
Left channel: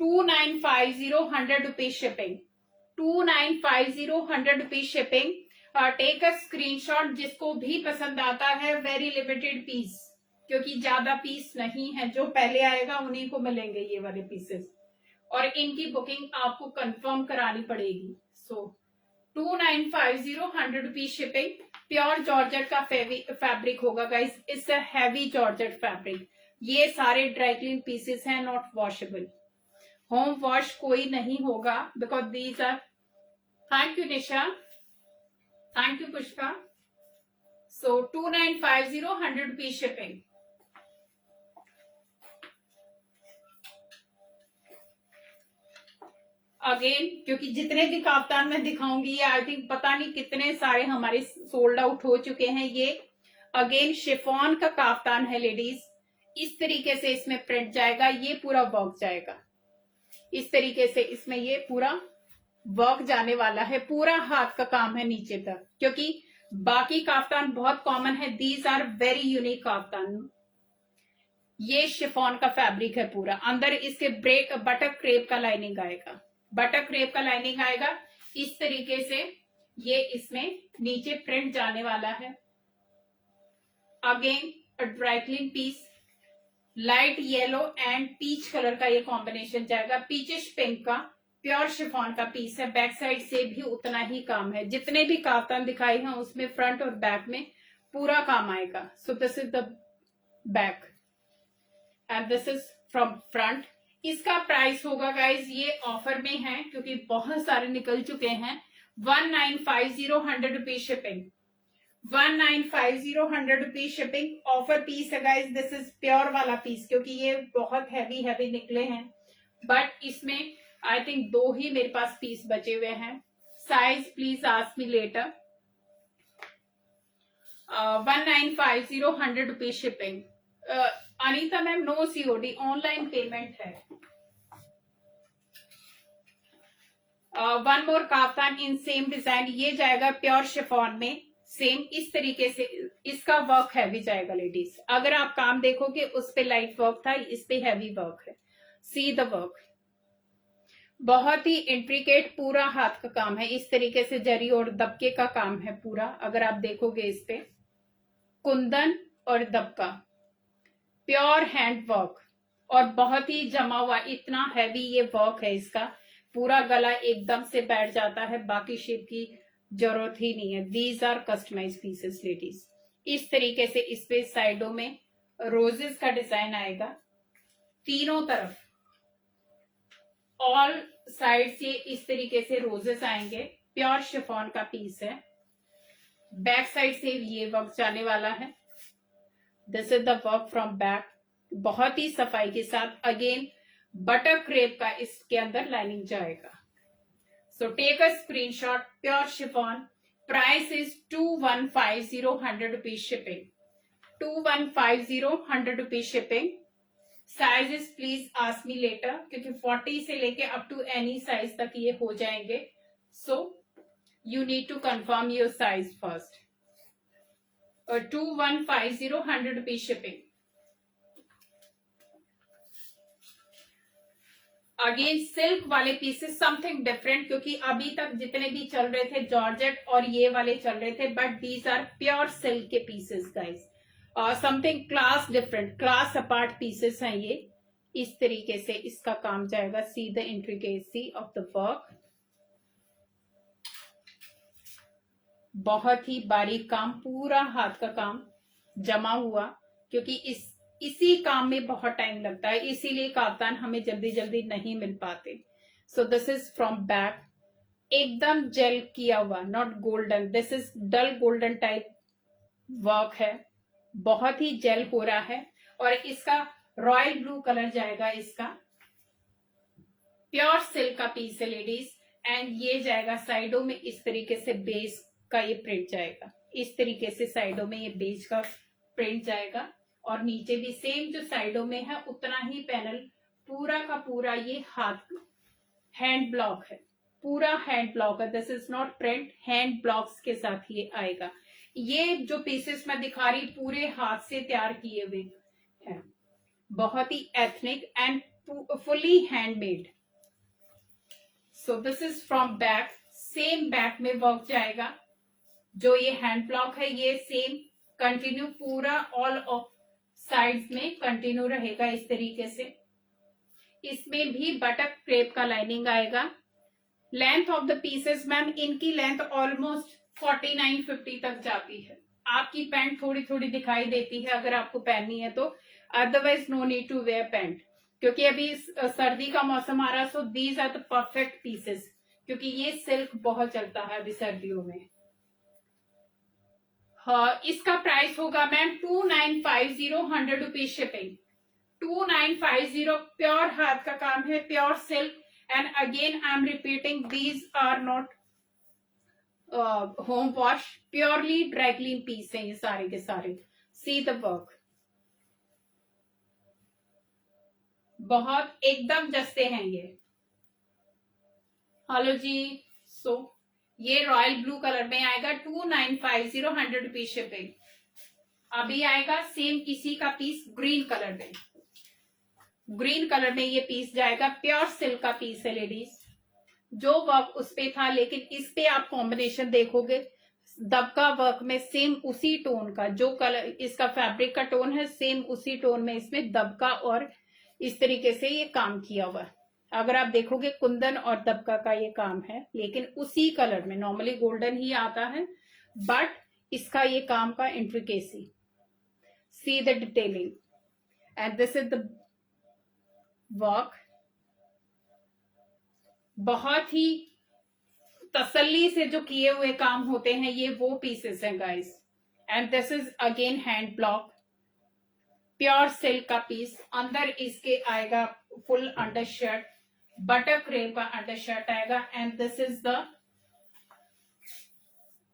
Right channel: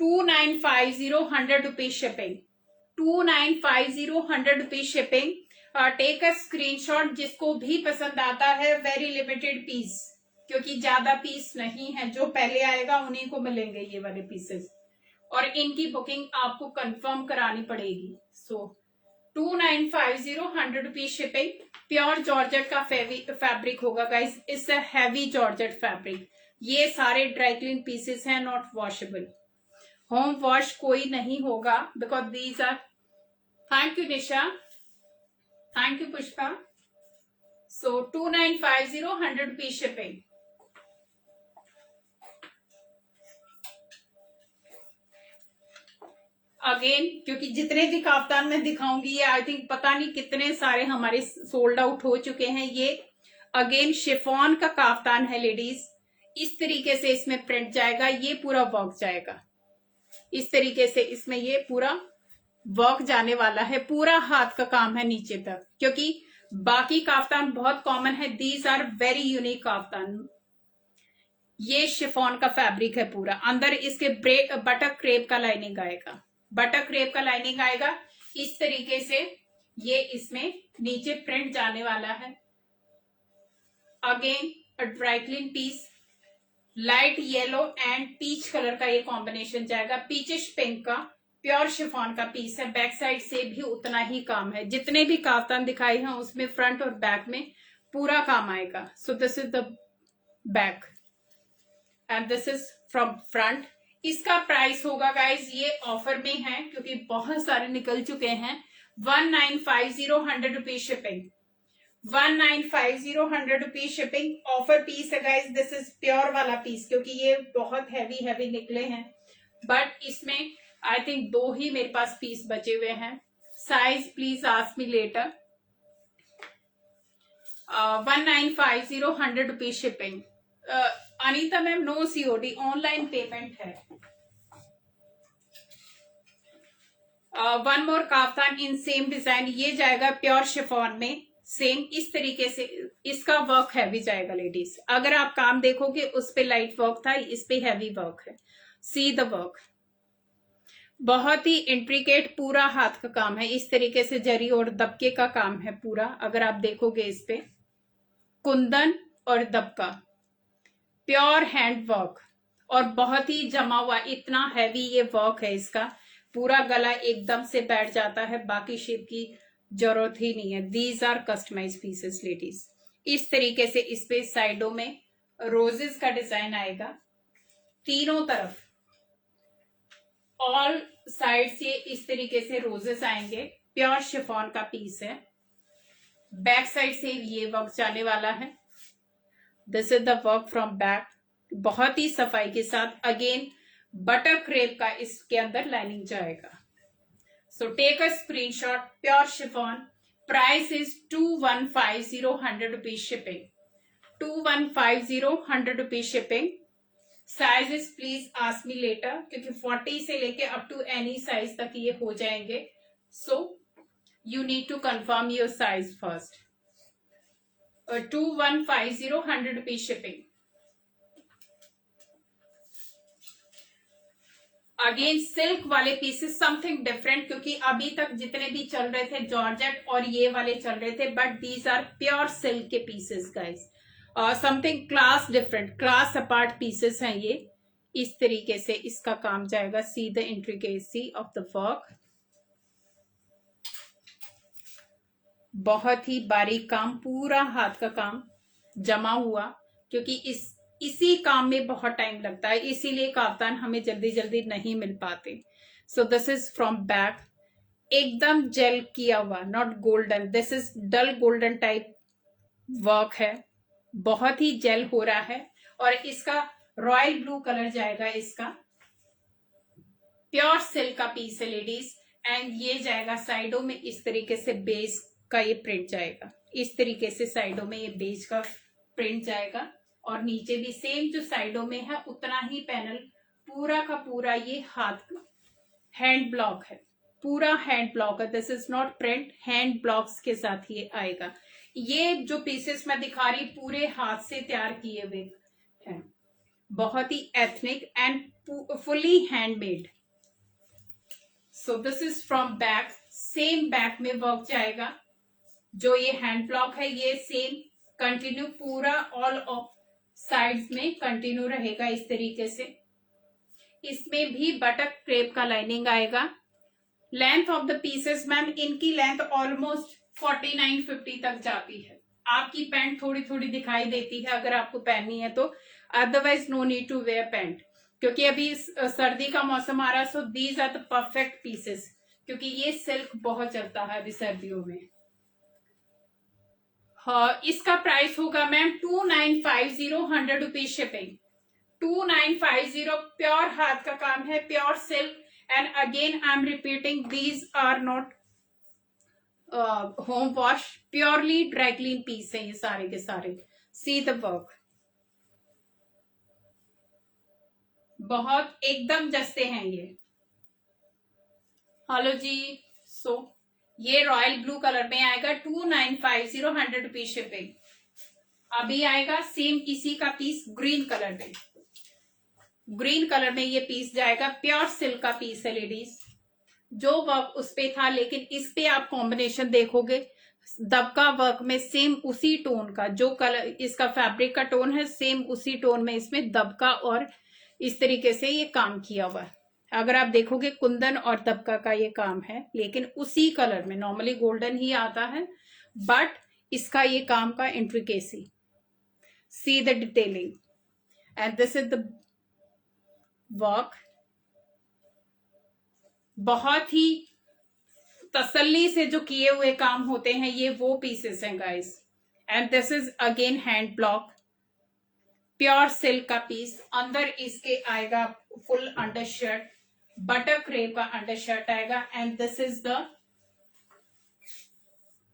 2950, 100 rupees shipping. 2950, 100 rupees shipping. Take a screenshot, जिसको भी पसंद आता है। वेरी लिमिटेड पीस, क्योंकि ज्यादा पीस नहीं है, जो पहले आएगा उन्हीं को मिलेंगे ये वाले पीसेस, और इनकी बुकिंग आपको कंफर्म करानी पड़ेगी। So 2950, 100 rupees shipping. Pure georgette का फैब्रिक होगा guys, it's a heavy georgette fabric. ये सारे ड्राई क्लीन पीसेस हैं, नॉट वॉशेबल। होम वॉश कोई नहीं होगा, because these are. Thank you Nisha, thank you Pushpa. So 2950, 100 rupees shipping. Again क्योंकि जितने भी काफ्तान मैं दिखाऊंगी, आई थिंक पता नहीं कितने सारे हमारे सोल्ड आउट हो चुके हैं। ये अगेन शिफॉन का काफ्तान है लेडीज, इस तरीके से इसमें प्रिंट जाएगा, ये पूरा वर्क जाएगा इस तरीके से। इसमें ये पूरा वर्क जाने वाला है, पूरा हाथ का काम है नीचे तक, क्योंकि बाकी काफ्तान बहुत कॉमन है, these are very unique kaftan. ये शिफॉन का फैब्रिक है पूरा, अंदर इसके बटर क्रेप का लाइनिंग आएगा, बटर क्रेप का लाइनिंग आएगा इस तरीके से। ये इसमें नीचे प्रिंट जाने वाला है। Again a dry clean piece, light yellow and peach colour का ये कॉम्बिनेशन जाएगा, पीचिश पिंक का प्योर शिफॉन का पीस है। बैक साइड से भी उतना ही काम है, जितने भी काफ्तान दिखाए हैं उसमें फ्रंट और बैक में पूरा काम आएगा। सो this is the back and this is from front. इसका प्राइस होगा गाइज, ये ऑफर में है क्योंकि बहुत सारे निकल चुके हैं, 1950 100 rupees shipping, 1950 100 rupees shipping. Offer piece है गाइज, दिस इज प्योर वाला पीस क्योंकि ये बहुत हैवी हैवी निकले हैं, बट इसमें आई थिंक 2 ही मेरे पास पीस बचे हुए हैं। Size please ask me later. 1950 100 rupees shipping. Anita ma'am no COD, online payment है। One more kaftan in same design, ये जाएगा प्योर शिफॉन में, सेम इस तरीके से इसका वर्क हैवी जाएगा लेडीज। अगर आप काम देखोगे उस पे लाइट वर्क था, इस पे हैवी वर्क है। सी द वर्क, बहुत ही इंट्रिकेट पूरा हाथ का काम है, इस तरीके से जरी और दबके का काम है पूरा। अगर आप देखोगे इस पे कुंदन और दबका, प्योर हैंड वर्क और बहुत ही जमा हुआ, इतना हैवी ये वर्क है इसका। पूरा गला एकदम से बैठ जाता है, बाकी शेप की जरूरत ही नहीं है। These are customise pieces ladies. इस तरीके से इस पे साइडों में रोजेस का डिजाइन आएगा, तीनों तरफ ऑल साइड से इस तरीके से रोजेस आएंगे। प्योर शिफॉन का पीस है, बैक साइड से ये वर्क जाने वाला है। This is the work from back, बहुत ही सफाई के साथ। अगेन बटर क्रेप का इसके अंदर लाइनिंग जाएगा। So take a screenshot, pure chiffon, price is 2150 100 rupees shipping, 2150 100 rupees shipping. Sizes please ask me later क्योंकि 40 से लेके अप टू एनी साइज तक ये हो जाएंगे। So you need to confirm your size first. 2150 100 rupees shipping. Again silk वाले pieces something different, क्योंकि अभी तक जितने भी चल रहे थे जॉर्जेट और ये वाले चल रहे थे, but these are pure silk के pieces guys. Something class different, class apart pieces हैं ये। इस तरीके से इसका काम जाएगा। See the intricacy of the work, बहुत ही बारीक काम, पूरा हाथ का काम जमा हुआ, क्योंकि इसी काम में बहुत टाइम लगता है, इसीलिए काफ्तान हमें जल्दी जल्दी नहीं मिल पाते। So this is from back, एकदम जेल किया हुआ, not golden, this is dull golden type work है, बहुत ही जेल हो रहा है। और इसका रॉयल ब्लू कलर जाएगा, इसका प्योर सिल्क का पीस है लेडीज। एंड ये जाएगा साइडों में इस तरीके से बेस का ये प्रिंट जाएगा, इस तरीके से साइडों में ये बेस का प्रिंट जाएगा। और नीचे भी सेम जो साइडों में है उतना ही पैनल, पूरा का पूरा ये हाथ हैंड ब्लॉक है, पूरा हैंड ब्लॉक है। This is not print, hand blocks के साथ ये आएगा। ये जो पीसेस मैं दिखा रही पूरे हाथ से तैयार किए हुए हैं, बहुत ही ethnic and fully handmade. So this is from back, same back में वर्क जाएगा। जो ये हैंड ब्लॉक है ये सेम कंटिन्यू पूरा ऑल ऑफ साइड्स में कंटिन्यू रहेगा इस तरीके से। इसमें भी बटक क्रेप का लाइनिंग आएगा। Length of the pieces ma'am, इनकी लेंथ ऑलमोस्ट 49-50 तक जाती है। आपकी पैंट थोड़ी थोड़ी दिखाई देती है अगर आपको पहननी है तो, otherwise no need to wear pant, क्योंकि अभी सर्दी का मौसम आ रहा है। So these are the perfect pieces, क्योंकि ये सिल्क बहुत चलता है अभी सर्दियों में। हाँ, इसका प्राइस होगा मैम 2950 100 रुपीज शिपिंग, 2950। प्योर हाथ का काम है, pure silk. And again I am repeating, these are not home wash, purely dry clean piece है ये सारे के सारे। सी द वर्क, बहुत एकदम जस्ते हैं ये। हेलो जी। सो ये रॉयल ब्लू कलर में आएगा, 2950 100 रुपीज शिपिंग। अभी आएगा सेम इसी का पीस ग्रीन कलर में, ग्रीन कलर में ये पीस जाएगा। प्योर सिल्क का पीस है लेडीज, जो वर्क उस पे था, लेकिन इस पे आप कॉम्बिनेशन देखोगे दबका वर्क में सेम उसी टोन का जो कलर इसका फैब्रिक का टोन है, सेम उसी टोन में इसमें दबका और इस तरीके से ये काम किया हुआ। अगर आप देखोगे कुंदन और दबका का ये काम है, लेकिन उसी कलर में, नॉर्मली गोल्डन ही आता है, बट इसका ये काम का intricacy, see the detailing, and this is the work. बहुत ही तसल्ली से जो किए हुए काम होते हैं, ये वो पीसेस हैं guys. And this is again hand block, pure silk का पीस। अंदर इसके आएगा full under shirt, butter crepe का अंडर शर्ट आएगा, and this is the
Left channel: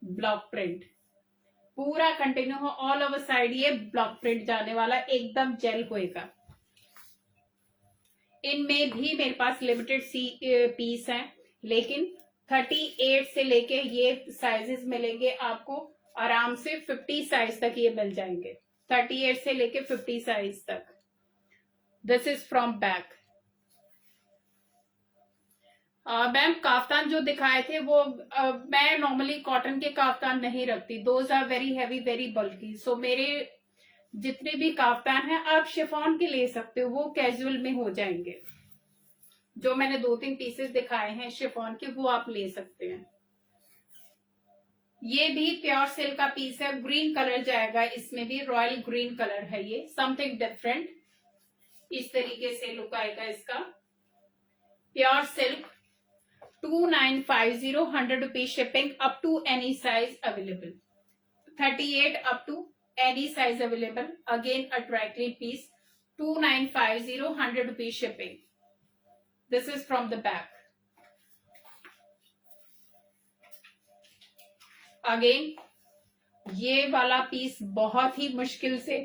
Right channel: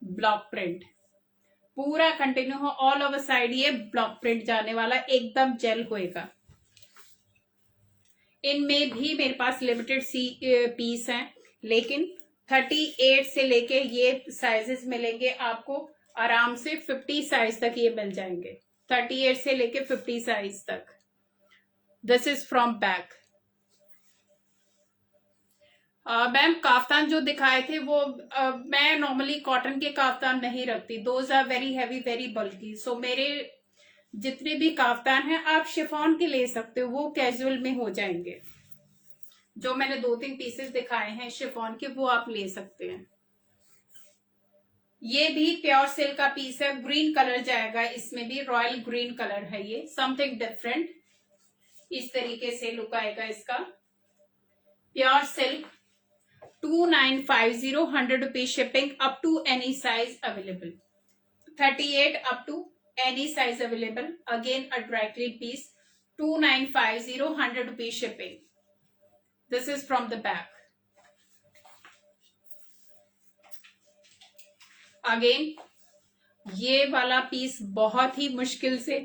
block print. पूरा कंटिन्यू हो ऑल ओवर साइड, ये ब्लॉक प्रिंट जाने वाला, एकदम जेल होएगा। इनमें भी मेरे पास लिमिटेड पीस हैं, लेकिन 38 से लेके ये साइजेस मिलेंगे आपको आराम से 50 साइज तक ये मिल जाएंगे, 38 से लेके 50 साइज तक। This is from back. Ma'am kaftan जो दिखाए थे वो मैं नॉर्मली कॉटन के काफ्तान नहीं रखती, those are very heavy, very bulky. So मेरे जितने भी काफ्तान हैं आप शिफॉन के ले सकते हो, वो कैजुअल में हो जाएंगे। जो मैंने 2-3 पीसेस दिखाए हैं शिफॉन के, वो आप ले सकते हैं। ये भी प्योर सिल्क का पीस है, ग्रीन कलर जाएगा इसमें भी, रॉयल ग्रीन कलर है ये, समथिंग डिफरेंट। इस तरीके से लुक आएगा इसका। Pure silk 2950, 100 rupees shipping, up to any size available, 38 up to any size available. Again a dry clean piece, 2950, 100 rupees shipping. This is from the back. Again, ये वाला piece बहुत ही मुश्किल से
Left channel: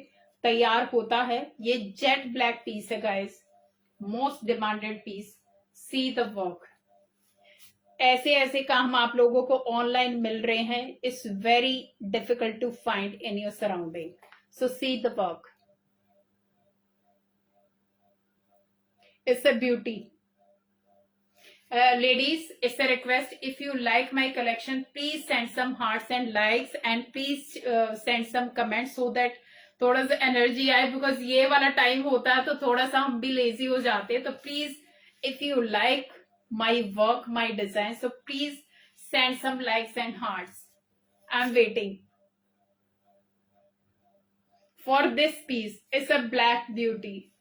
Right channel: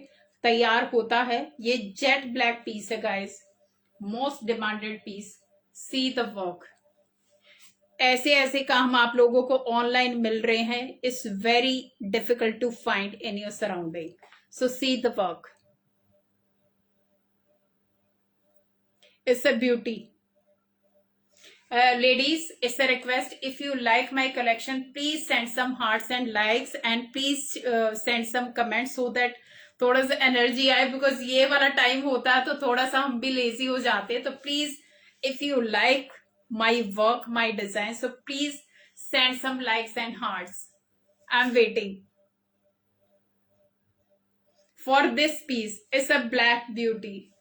तैयार होता है। ये जेट ब्लैक पीस है guys, most demanded piece. See the work. ऐसे ऐसे काम आप लोगों को ऑनलाइन मिल रहे हैं, it's very difficult to find in your surrounding. So see the work, it's a beauty. Ladies, it's a request, if you like my collection, please send some hearts and likes, and please send some comments so that थोड़ा सा energy आए, because ये वाला time होता है तो थोड़ा सा हम भी लेजी हो जाते हैं। तो please, if you like my work, my design, so please send some likes and hearts. I am waiting for this piece. It's a black beauty.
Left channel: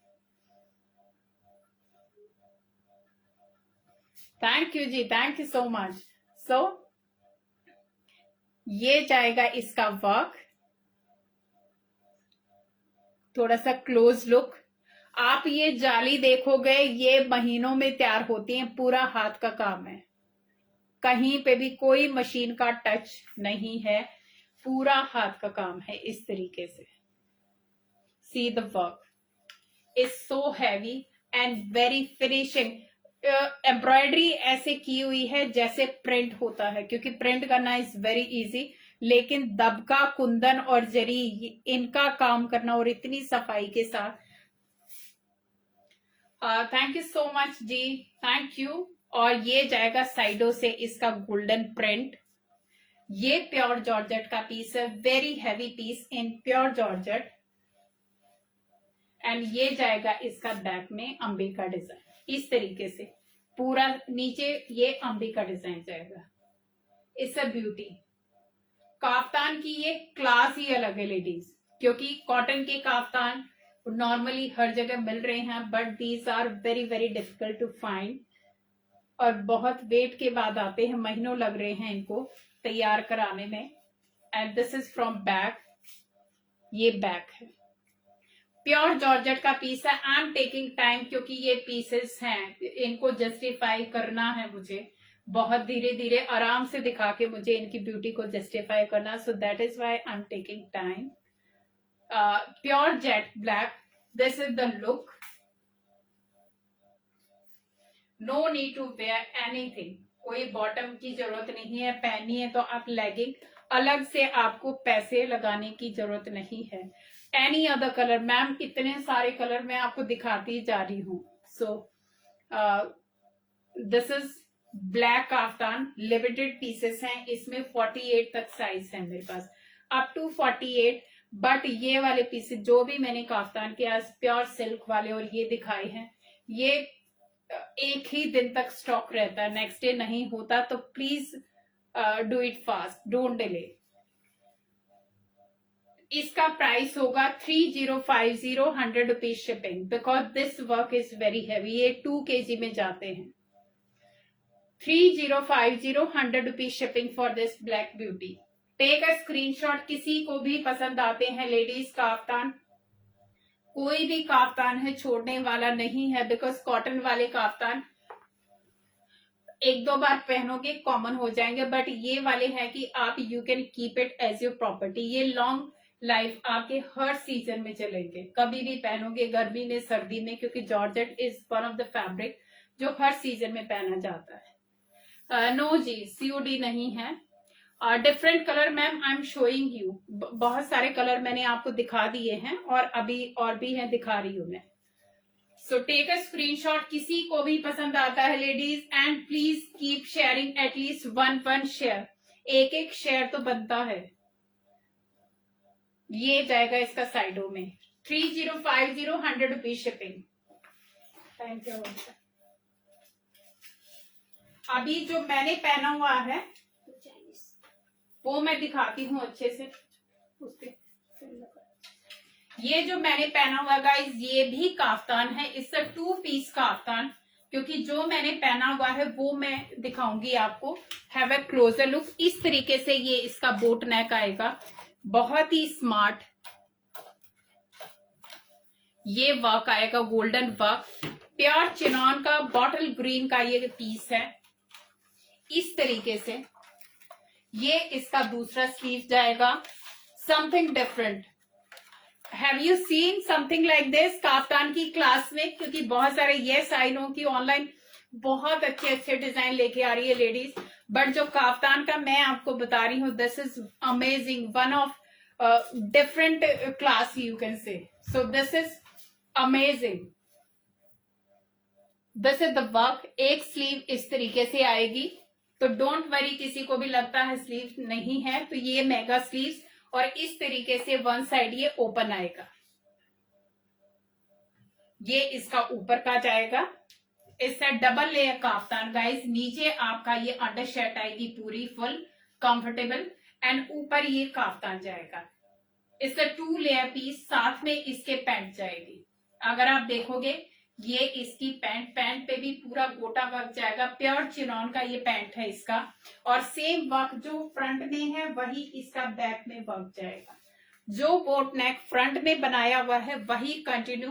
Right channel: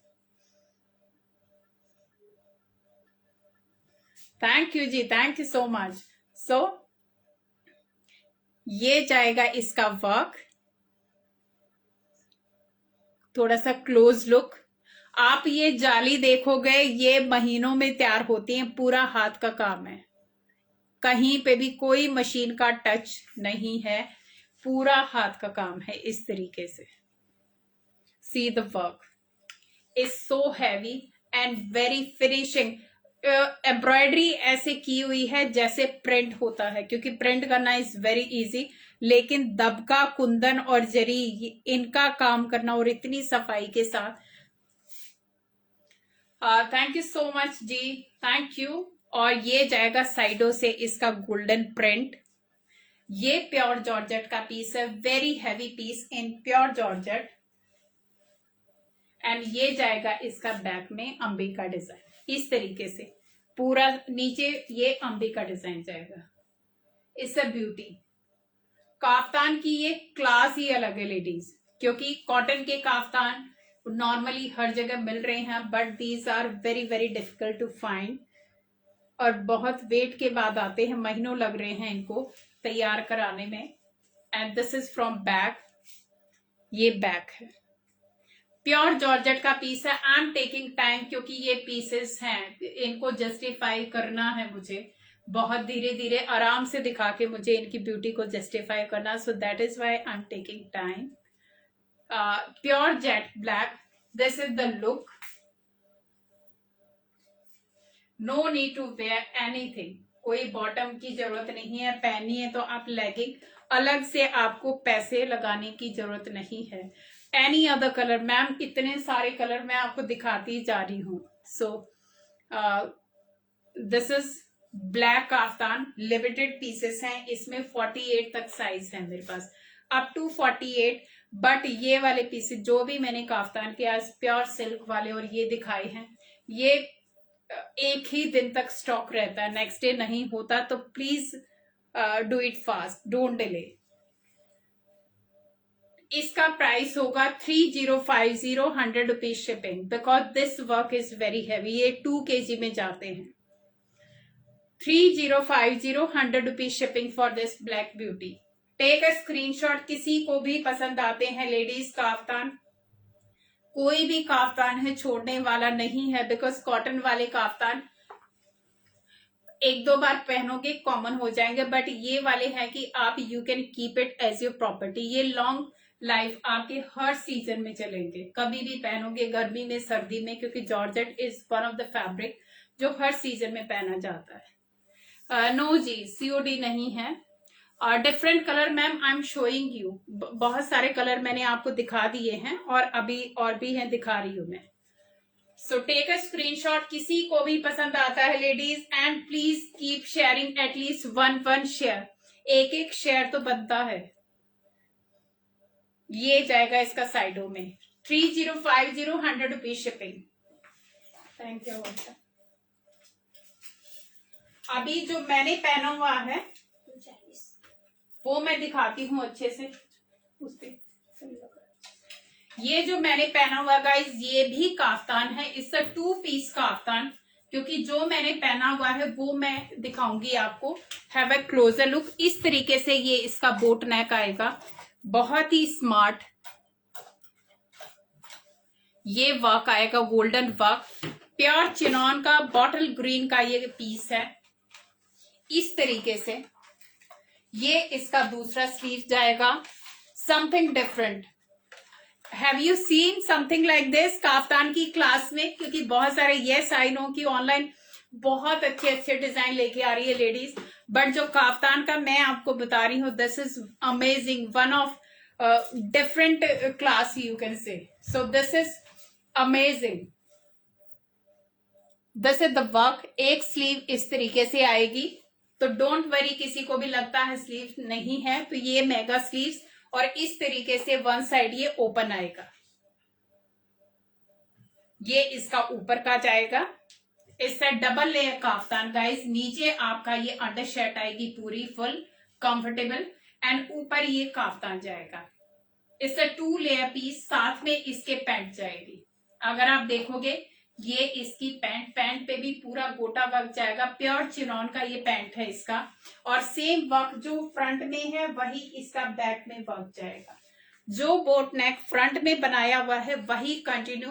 Thank you जी, thank you so much. So ये जाएगा इसका work, थोड़ा सा close look. आप ये जाली देखोगे, ये महीनों में तैयार होती है, पूरा हाथ का काम है, कहीं पे भी कोई मशीन का टच नहीं है, पूरा हाथ का काम है इस तरीके से। सी the work is so heavy and very finishing. Embroidery ऐसे की हुई है जैसे प्रिंट होता है, क्योंकि प्रिंट करना इज वेरी इजी, लेकिन दबका, कुंदन और जरी, इनका काम करना और इतनी सफाई के साथ। थैंक यू सो मच जी, थैंक यू। और ये जाएगा साइडों से इसका गोल्डन प्रिंट। ये प्योर जॉर्जेट का पीस है, very heavy piece in pure georgette. And ये जाएगा इसका बैक में अंबे का डिजाइन, इस तरीके से पूरा नीचे ये अंबे का डिजाइन जाएगा। It's a beauty. काफ्तान की ये क्लास ही अलग है लेडीज, क्योंकि कॉटन के काफ्तान नॉर्मली हर जगह मिल रहे हैं, but these are very very difficult to find, और बहुत वेट के बाद आते हैं, महीनों लग रहे हैं इनको तैयार कराने में। And this is from back, ये बैक है, प्योर जॉर्जेट का पीस है। आई एम टेकिंग टाइम, क्योंकि ये पीसेस हैं, इनको जस्टिफाई करना है मुझे, बहुत धीरे धीरे आराम से दिखा के मुझे इनकी ब्यूटी को जस्टिफाई करना, so that is why I am taking time. Pure jet black, this is the look. No need to wear anything, कोई बॉटम की जरूरत नहीं है, पहननी है तो आप लेगिंग, अलग से आपको पैसे लगाने की जरूरत नहीं है। एनी अदर कलर, मैम इतने सारे कलर मैं आपको दिखाती जा रही हूँ। सो this is black kaftan limited pieces हैं, इसमें 48 तक साइज है मेरे पास, अप टू 48। बट ये वाले पीसेस जो भी मैंने काफ्तान के आज प्योर सिल्क वाले और ये दिखाए हैं, ये एक ही दिन तक स्टॉक रहता है, नेक्स्ट डे नहीं होता, तो please do it fast, don't delay. इसका प्राइस होगा 3050, 100 rupees shipping, because this work is very heavy, ये 2 kg में जाते हैं। 3050, 100 rupees shipping for this black beauty. Take a screenshot, किसी को भी पसंद आते हैं लेडीज काफ्तान, कोई भी काफ्तान है छोड़ने वाला नहीं है, बिकॉज कॉटन वाले काफ्तान एक दो बार पहनोगे कॉमन हो जाएंगे, बट ये वाले हैं कि आप you can keep it as your property, ये लॉन्ग लाइफ आपके हर सीजन में चलेंगे, कभी भी पहनोगे, गर्मी में, सर्दी में, क्योंकि georgette is one of the fabric जो हर सीजन में पहना जाता है। नो जी, सीओडी नहीं है। Different colour ma'am I am showing you, बहुत सारे कलर मैंने आपको दिखा दिए हैं और अभी और भी हैं, दिखा रही हूं मैं। सो टेक अ स्क्रीनशॉट, किसी को भी पसंद आता है ladies, and please keep sharing, at least one share, एक शेयर तो बनता है। ये जाएगा इसका साइडों में 3050, 100 रुपीज शिपिंग। Thank you. अभी जो मैंने पहना हुआ है वो मैं दिखाती हूँ अच्छे से, उसपे ये जो मैंने पहना हुआ गाइस, ये भी काफ्तान है, इसका 2 पीस काफ्तान, क्योंकि जो मैंने पहना हुआ है वो मैं दिखाऊंगी आपको। हैव अ क्लोजर लुक, इस तरीके से ये इसका बोट नेक आएगा, बहुत ही स्मार्ट ये वर्क आएगा, गोल्डन वर्क, प्योर चिनॉन का बॉटल ग्रीन का ये पीस है, इस तरीके से। ये इसका दूसरा स्लीव जाएगा, something different. Have you seen something like this kaftan की क्लास में? क्योंकि बहुत सारे यस आई नो की ऑनलाइन बहुत अच्छे अच्छे डिजाइन लेके आ रही है लेडीज, बट जो काफ्तान का मैं आपको बता रही हूँ, this is amazing, one of different class you can say. So this is amazing, this is the work. एक स्लीव इस तरीके से आएगी, तो डोंट वरी, किसी को भी लगता है स्लीव नहीं है, तो ये मेगा स्लीव्स, और इस तरीके से वन साइड ये ओपन आएगा, ये इसका ऊपर का जाएगा। इससे डबल लेयर काफ्तान गाइस, नीचे आपका ये अंडर शर्ट आएगी पूरी फुल कंफर्टेबल, एंड ऊपर ये काफ्तान जाएगा। इससे 2 लेयर पीस, साथ में इसके पैंट जाएगी। अगर आप देखोगे ये इसकी पैंट पे भी पूरा गोटा वर्क जाएगा, प्योर चिनॉन का ये पैंट है इसका, और सेम वर्क जो फ्रंट में है वही इसका बैक में वर्क जाएगा। जो बोट नेक फ्रंट में बनाया हुआ है वही कंटिन्यू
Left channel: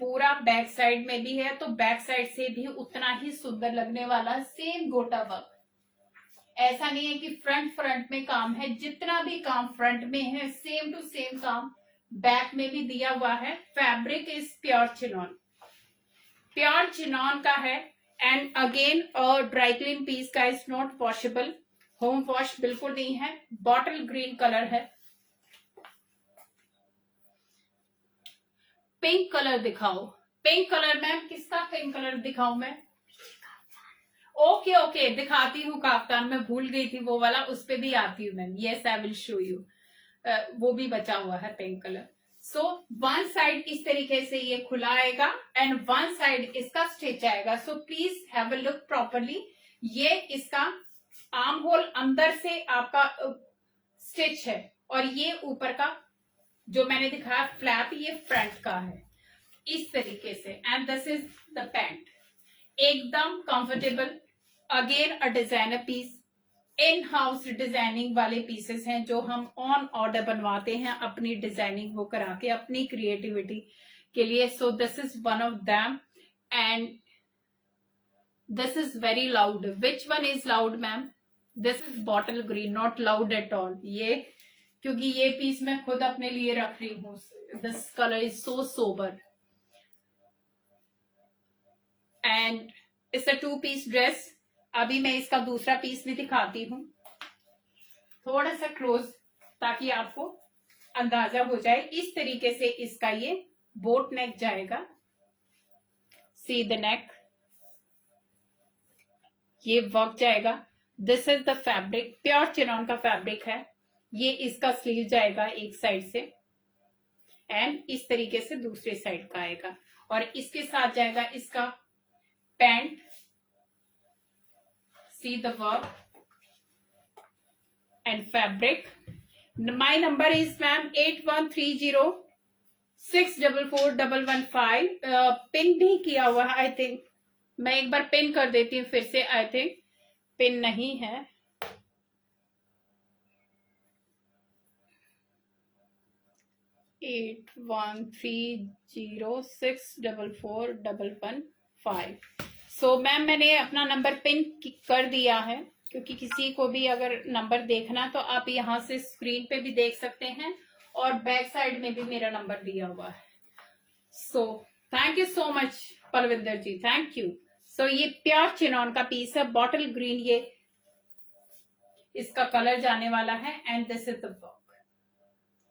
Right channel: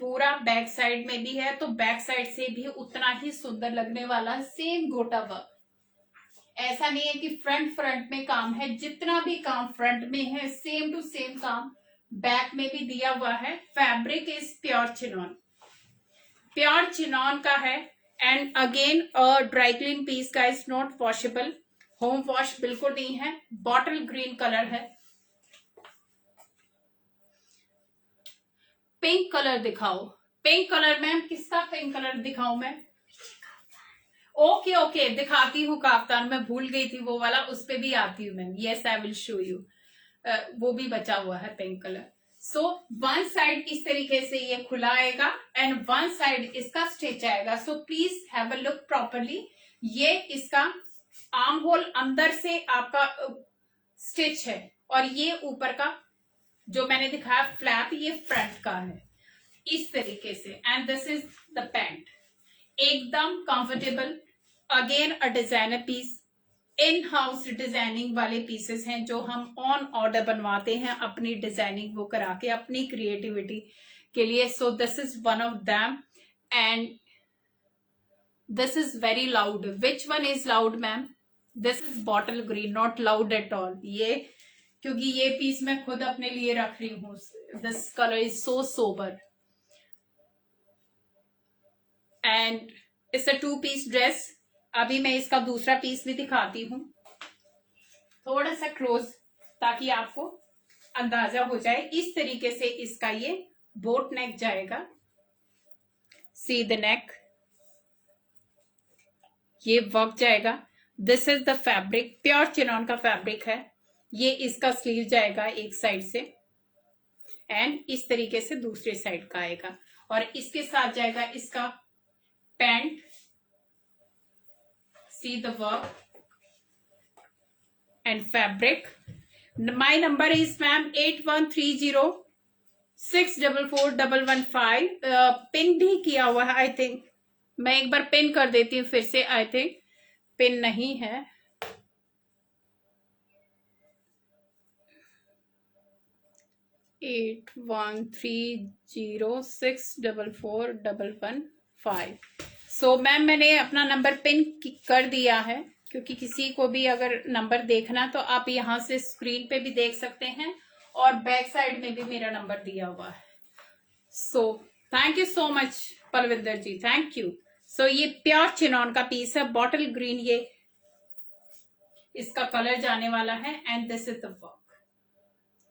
पूरा बैक साइड में भी है, तो बैक साइड से भी उतना ही सुंदर लगने वाला सेम गोटा वर्क। ऐसा नहीं है कि फ्रंट में काम है, जितना भी काम फ्रंट में है सेम टू सेम काम बैक में भी दिया हुआ है। Fabric is pure chiffon, pure chiffon का है, and again dry clean piece का, is not washable, home wash बिल्कुल नहीं है। बॉटल ग्रीन कलर है, पिंक कलर दिखाओ, पिंक कलर मैम, किसका पिंक कलर दिखाऊं मैं? ओके दिखाती हूँ काफ्तान, मैं भूल गई थी वो वाला, उस पे भी आती हूँ ma'am. Yes I will show you, वो भी बचा हुआ है pink colour. So one side इस तरीके से ये खुला आएगा, एंड वन साइड इसका स्टिच आएगा। So please have a look properly, ये इसका आर्म होल अंदर से आपका स्टिच है, और ये ऊपर का जो मैंने दिखाया फ्लैप, ये फ्रंट का है इस तरीके से, and this is the pant, एकदम comfortable. Again a designer piece, in house designing वाले पीसेस हैं जो हम ऑन ऑर्डर बनवाते हैं, अपनी डिजाइनिंग वो करा के अपनी क्रिएटिविटी के लिए। सो this is one of them, and this is very loud. Which one is loud ma'am? This is bottle green, not loud at all. ये क्योंकि ये पीस मैं खुद अपने लिए रख रही हूँ, this colour is so sober, and it's a 2 piece dress. अभी मैं इसका दूसरा पीस भी दिखाती हूँ, थोड़ा सा क्लोज, ताकि आपको अंदाजा हो जाए। इस तरीके से इसका ये बोट नेक जाएगा, सी द नेक, ये वर्क जाएगा। This is the fabric, pure chiffon का फैब्रिक है। ये इसका स्लीव जाएगा एक साइड से एंड इस तरीके से दूसरे साइड का आएगा, और इसके साथ जाएगा इसका pant. C the work and fabric. My number is ma'am 8130644115। Pin भी किया हुआ है आई थिंक, मैं एक बार पिन कर देती हूँ फिर से, आई थिंक पिन नहीं है। एट 8130644115। सो मैम मैंने अपना नंबर पिन कर दिया है, क्योंकि किसी को भी अगर नंबर देखना तो आप यहाँ से स्क्रीन पे भी देख सकते हैं, और बैक साइड में भी मेरा नंबर दिया हुआ है। So thank you so much Palvinder ji, thank you. So ये प्योर चिनॉन का पीस है, बॉटल ग्रीन ये इसका कलर जाने वाला है, and this is the work.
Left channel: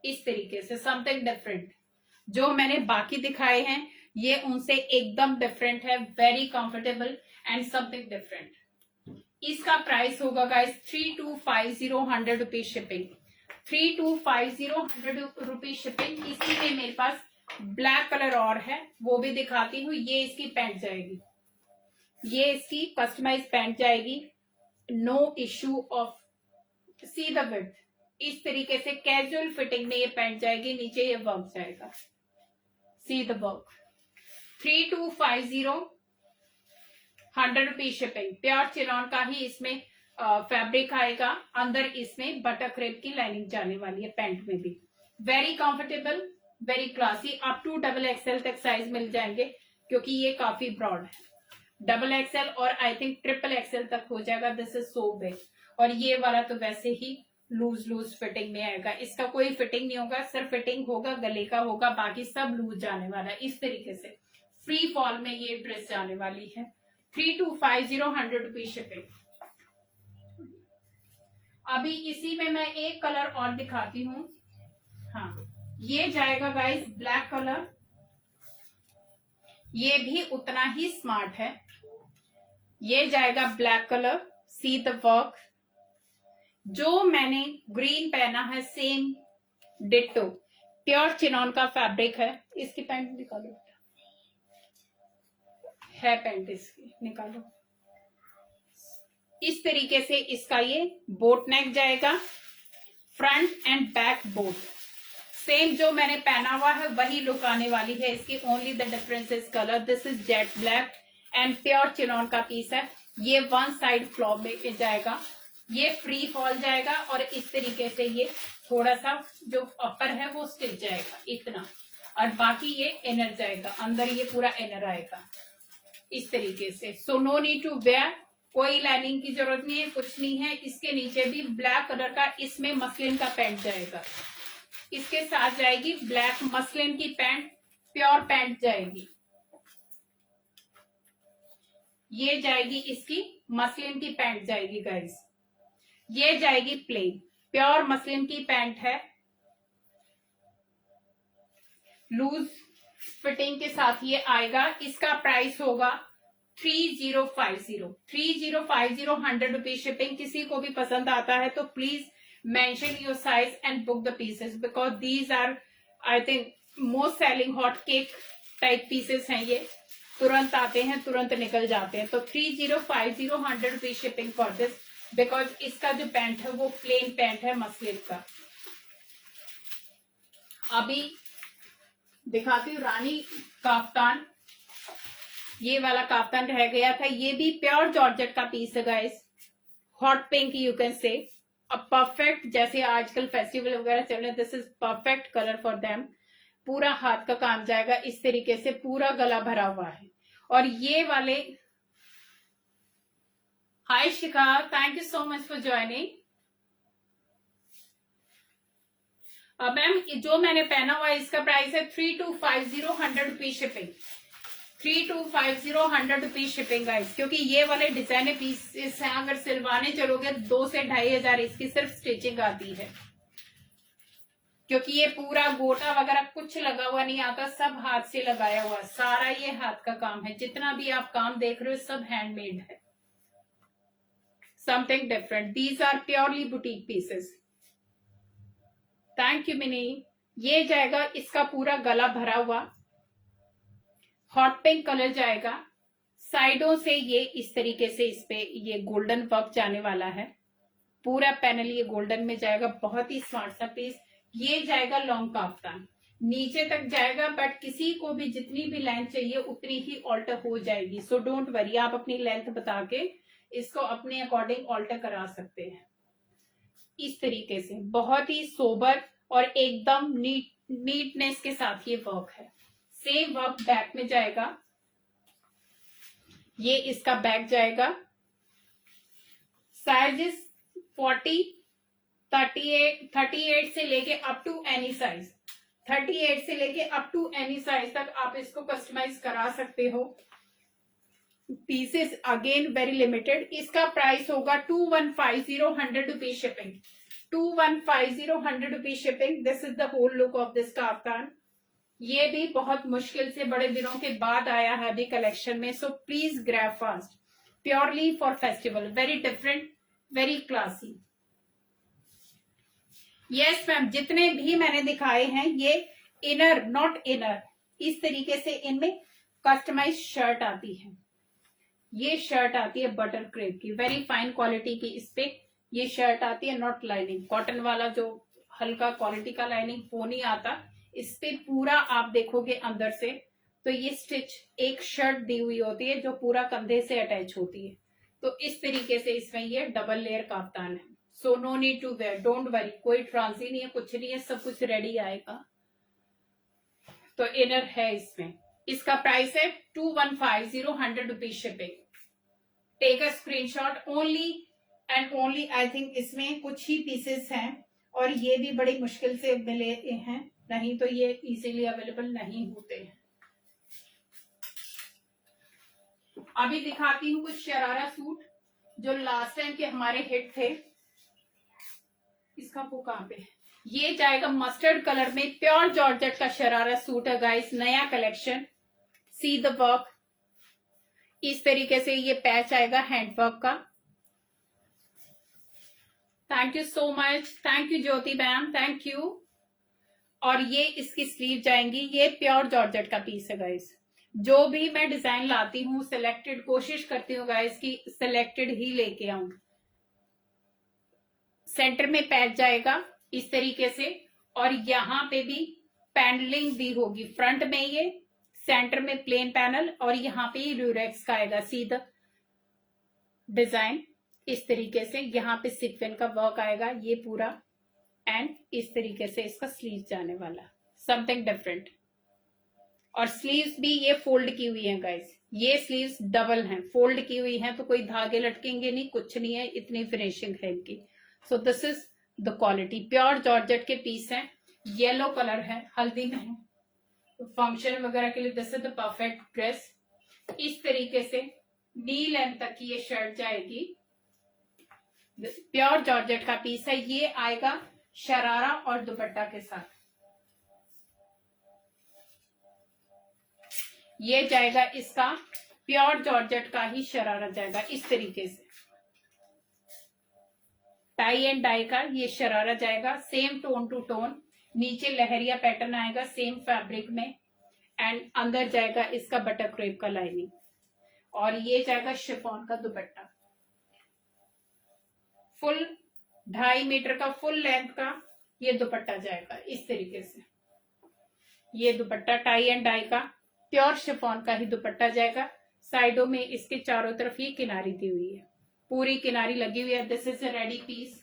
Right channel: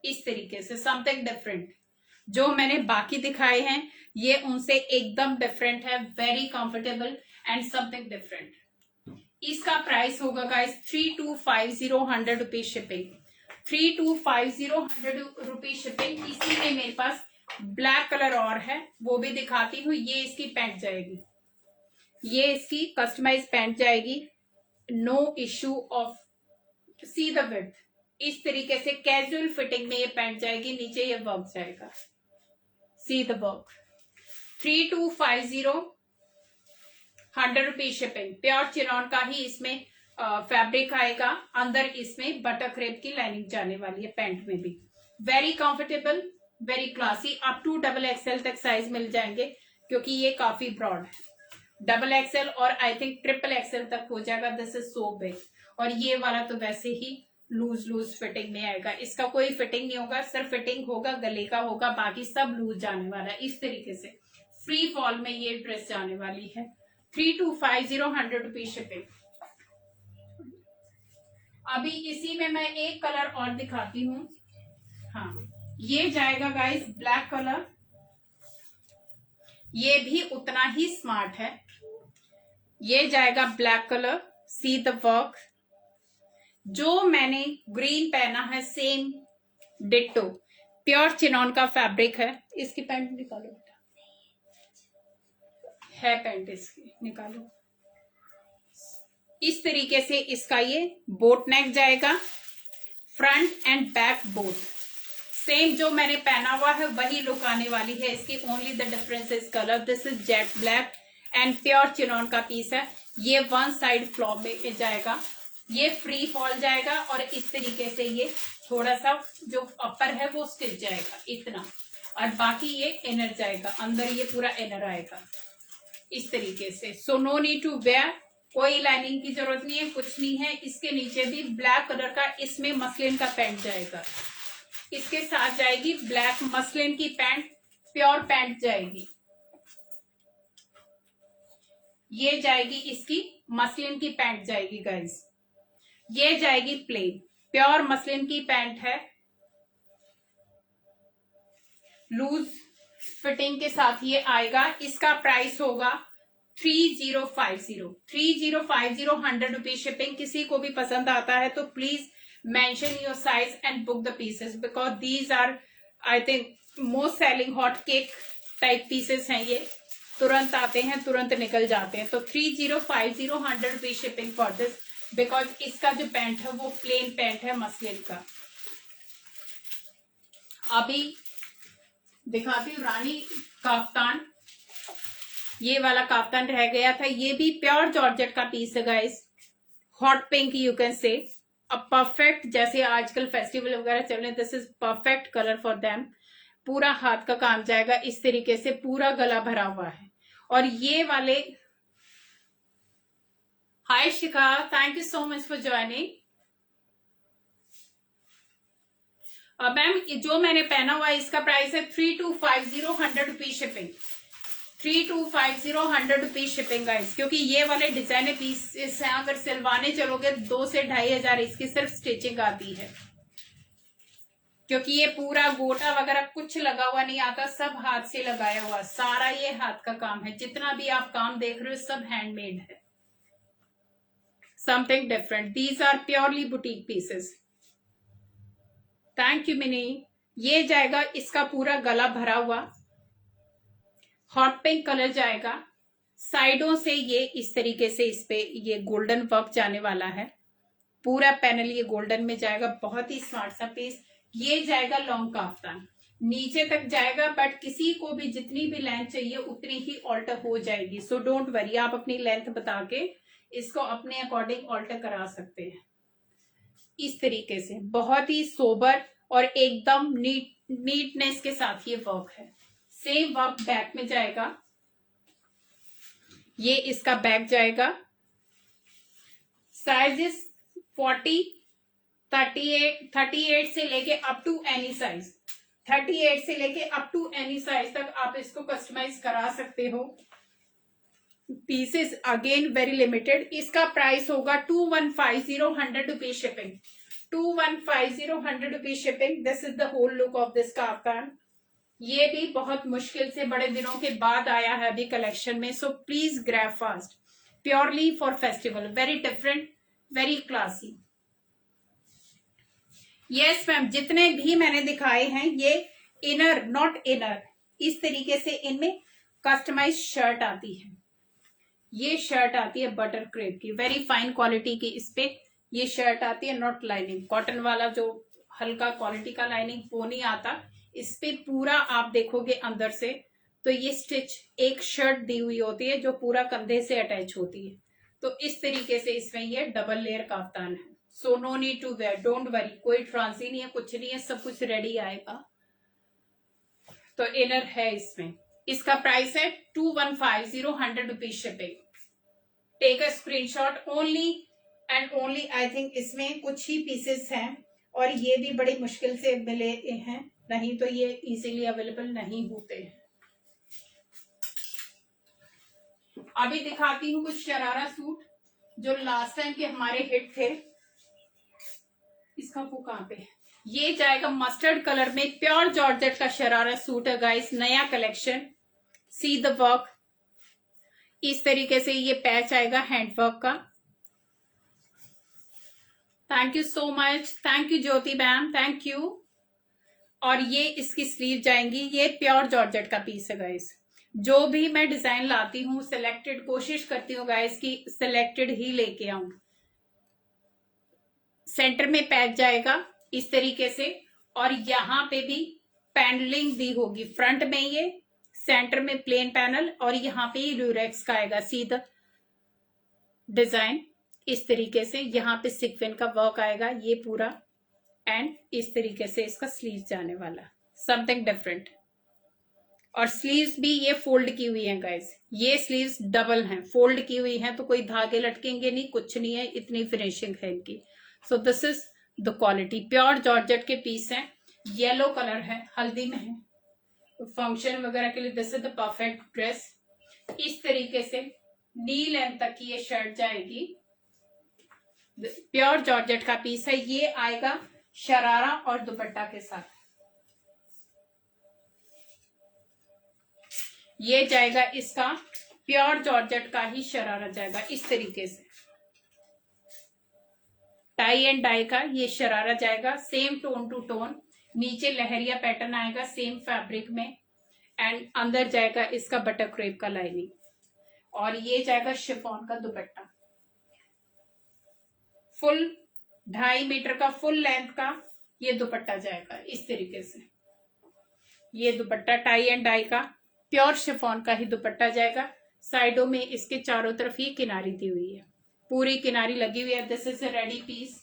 इस तरीके से समथिंग डिफरेंट, जो मैंने बाकी दिखाए हैं ये उनसे एकदम डिफरेंट है, very comfortable and something different. इसका प्राइस होगा guys 3250, 100 rupees shipping. 3250, 100 rupees shipping. इसी में मेरे पास ब्लैक कलर और है, वो भी दिखाती हूँ। ये इसकी पैंट जाएगी, ये इसकी कस्टमाइज पैंट जाएगी, no issue of. See the width, इस तरीके से कैजुअल फिटिंग में ये पैंट जाएगी, नीचे ये वर्क जाएगा। See the work. 3250, 100 rupees shipping. Pure chiffon का ही इसमें फैब्रिक आएगा, अंदर इसमें बटर क्रेप की लाइनिंग जाने वाली है पैंट में भी। Very comfortable, very classy. Up to XXL तक साइज मिल जाएंगे, क्योंकि ये काफी ब्रॉड है। XXL और आई थिंक XXL तक हो जाएगा। This is so big. और ये वाला तो वैसे ही लूज फिटिंग में आएगा, इसका कोई फिटिंग नहीं होगा, सिर्फ फिटिंग होगा गले का होगा, बाकी सब लूज जाने वाला है। इस तरीके से फ्री फॉल में ये ड्रेस जाने वाली है। 3250, 100 रुपीज शिपिंग। अभी इसी में मैं एक कलर और दिखाती हूँ। हाँ, ये जाएगा गाइस ब्लैक कलर, ये भी उतना ही स्मार्ट है। ये जाएगा black colour. C the work. जो मैंने ग्रीन पहना है सेम डिट्टो, प्योर चिनॉन का फैब्रिक है। इसकी पैंट निकालो, है पैंट इसकी, निकालो। इस तरीके से इसका ये बोट नेक जाएगा, front end back both same जो मैंने पहना हुआ है वही लुक आने वाली है इसकी। Only the difference is colour. This is jet black and pure chiffon का पीस है। ये वन साइड फ्लॉप में जाएगा, ये फ्री फॉल जाएगा, और इस तरीके से ये थोड़ा सा जो अपर है वो स्टिच जाएगा इतना, और बाकी ये इनर जाएगा, अंदर ये पूरा इनर आएगा इस तरीके से। So no need to wear, कोई लाइनिंग की जरूरत नहीं है, कुछ नहीं है। इसके नीचे भी ब्लैक कलर का इसमें मसलिन का पैंट जाएगा, इसके साथ जाएगी ब्लैक मसलिन की पैंट, प्योर पैंट जाएगी। ये जाएगी इसकी मसलिन की पैंट जाएगी गाइस। ये जाएगी प्लेन, प्योर मसलिन की पैंट है, लूज फिटिंग के साथ ये आएगा। इसका प्राइस होगा 3050, 3050, 100 रुपीज शिपिंग। किसी को भी पसंद आता है तो please mention your size and book the pieces because these are I think most selling hot cake type pieces हैं। ये तुरंत आते हैं, तुरंत निकल जाते हैं। तो 3050, 100 rupees shipping for this, because इसका जो पैंट है वो प्लेन पैंट है मसलिन का। अभी दिखाती हूँ रानी काफ्तान। ये वाला काफ्तान रह गया था, ये भी प्योर जॉर्जेट का पीस है guys. Hot pink you can say, a perfect, जैसे आजकल फेस्टिवल वगैरह चल रहे हैं, this is perfect colour for them. पूरा हाथ का काम जाएगा इस तरीके से, पूरा गला भरा हुआ है। और ये वाले, hi Shikha, thank you so much for joining. Ma'am जो मैंने पहना हुआ है इसका प्राइस है 3250, 100 rupees shipping. 3250, 100 rupees shipping guys, क्योंकि ये वाले डिजाइनर पीस हैं, अगर सिलवाने चलोगे 2 से 2500 इसकी सिर्फ स्टिचिंग आती है, क्योंकि ये पूरा गोटा वगैरह कुछ लगा हुआ नहीं आता, सब हाथ से लगाया हुआ, सारा ये हाथ का काम है। जितना भी आप काम देख रहे हो सब हैंडमेड है। Something different. These are purely boutique pieces. Thank you Mini. ये जाएगा इसका पूरा गला भरा हुआ हॉट पिंक कलर जाएगा. साइडों से ये इस तरीके से इस पे ये गोल्डन वर्क जाने वाला है. पूरा पैनल ये गोल्डन में जाएगा. बहुत ही स्मार्ट सा पीस. ये जाएगा लॉन्ग काफ्तान, नीचे तक जाएगा, बट किसी को भी जितनी भी लेंथ चाहिए उतनी ही ऑल्टर हो जाएगी. सो डोंट वरी, आप अपनी लेंथ बता के इसको अपने अकॉर्डिंग ऑल्टर करा सकते हैं. इस तरीके से बहुत ही सोबर और एकदम नीटनेस के साथ ये वर्क है. सेम वर्क बैक में जाएगा. ये इसका बैक जाएगा. साइजेस 40, 38 से लेके अप टू एनी साइज, 38 से लेके अप टू एनी साइज तक आप इसको कस्टमाइज करा सकते हो. Pieces again very limited. इसका प्राइस होगा 2150, 100 rupees shipping. 2150, 100 rupees shipping. This is the whole look of this kaftan. ये भी बहुत मुश्किल से बड़े दिनों के बाद आया है अभी कलेक्शन में. So please grab fast. Purely for festival. Very different, very classy. Yes ma'am, जितने भी मैंने दिखाए हैं ये इनर, नॉट इनर. इस तरीके से इनमें कस्टमाइज शर्ट आती है. ये शर्ट आती है बटर क्रेप की, वेरी फाइन क्वालिटी की. इस पे ये शर्ट आती है, नॉट लाइनिंग. कॉटन वाला जो हल्का क्वालिटी का लाइनिंग वो नहीं आता. इस पे पूरा आप देखोगे अंदर से तो ये स्टिच एक शर्ट दी हुई होती है जो पूरा कंधे से अटैच होती है. तो इस तरीके से इसमें ये डबल लेयर काफ्तान है. So no need to wear, don't worry. कोई ट्रांसी नहीं है, कुछ नहीं है, सब कुछ रेडी आएगा. तो इनर है इसमें. इसका प्राइस है 2150, 100 rupees shipping. Take a screenshot. Only and only I think इसमें कुछ ही पीसेस हैं और ये भी बड़ी मुश्किल से मिले हैं, नहीं तो ये इजीली अवेलेबल नहीं होते हैं. अभी दिखाती हूँ कुछ शरारा सूट जो लास्ट टाइम के हमारे हिट थे. इसका वो कहाँ पे? ये जाएगा मस्टर्ड कलर में. प्योर जॉर्जेट का शरारा सूट है गाइस, नया कलेक्शन. C the work. इस तरीके से ये पैच आएगा हैंडवर्क का. Thank you so much. Thank you Jyoti ma'am, thank you. और ये इसकी स्लीव जाएंगी. ये प्योर जॉर्जेट का पीस है गाइस. जो भी मैं डिजाइन लाती हूँ सिलेक्टेड कोशिश करती हूँ गाइस की सिलेक्टेड ही लेके आऊं. सेंटर में पैच जाएगा इस तरीके से और यहाँ पे भी पैनलिंग दी होगी. फ्रंट में ये, सेंटर में प्लेन पैनल और यहाँ पे ल्यूरेक्स का आएगा सीधा डिजाइन. इस तरीके से यहाँ पे सिक्वेंस का वर्क आएगा ये पूरा. एंड इस तरीके से इसका स्लीव जाने वाला. Something different. और स्लीव्स भी ये फोल्ड की हुई हैं गाइस. ये स्लीव्स डबल हैं, फोल्ड की हुई हैं, तो कोई धागे लटकेंगे नहीं, कुछ नहीं है. इतनी फिनिशिंग है इनकी. सो this is the quality. Pure georgette के पीस हैं. येलो कलर है, हल्दी में है, फंक्शन वगैरह के लिए this is the perfect dress. इस तरीके से नी लेंथ तक की ये शर्ट जाएगी. प्योर जॉर्जेट का पीस है. ये आएगा शरारा और दुपट्टा के साथ. ये जाएगा इसका प्योर जॉर्जेट का ही शरारा जाएगा इस तरीके से. टाई एंड डाई का ये शरारा जाएगा. Same tone to tone. नीचे लहरिया पैटर्न आएगा सेम फैब्रिक में. एंड अंदर जाएगा इसका बटर क्रेप का लाइनिंग. और ये जाएगा शिफॉन का दुपट्टा. फुल 2.5 मीटर का फुल लेंथ का ये दुपट्टा जाएगा इस तरीके से. ये दुपट्टा टाई एंड डाई का प्योर शिफॉन का ही दुपट्टा जाएगा. साइडों में इसके चारों तरफ ये किनारी दी हुई है, पूरी किनारी लगी हुई है. This is a ready piece.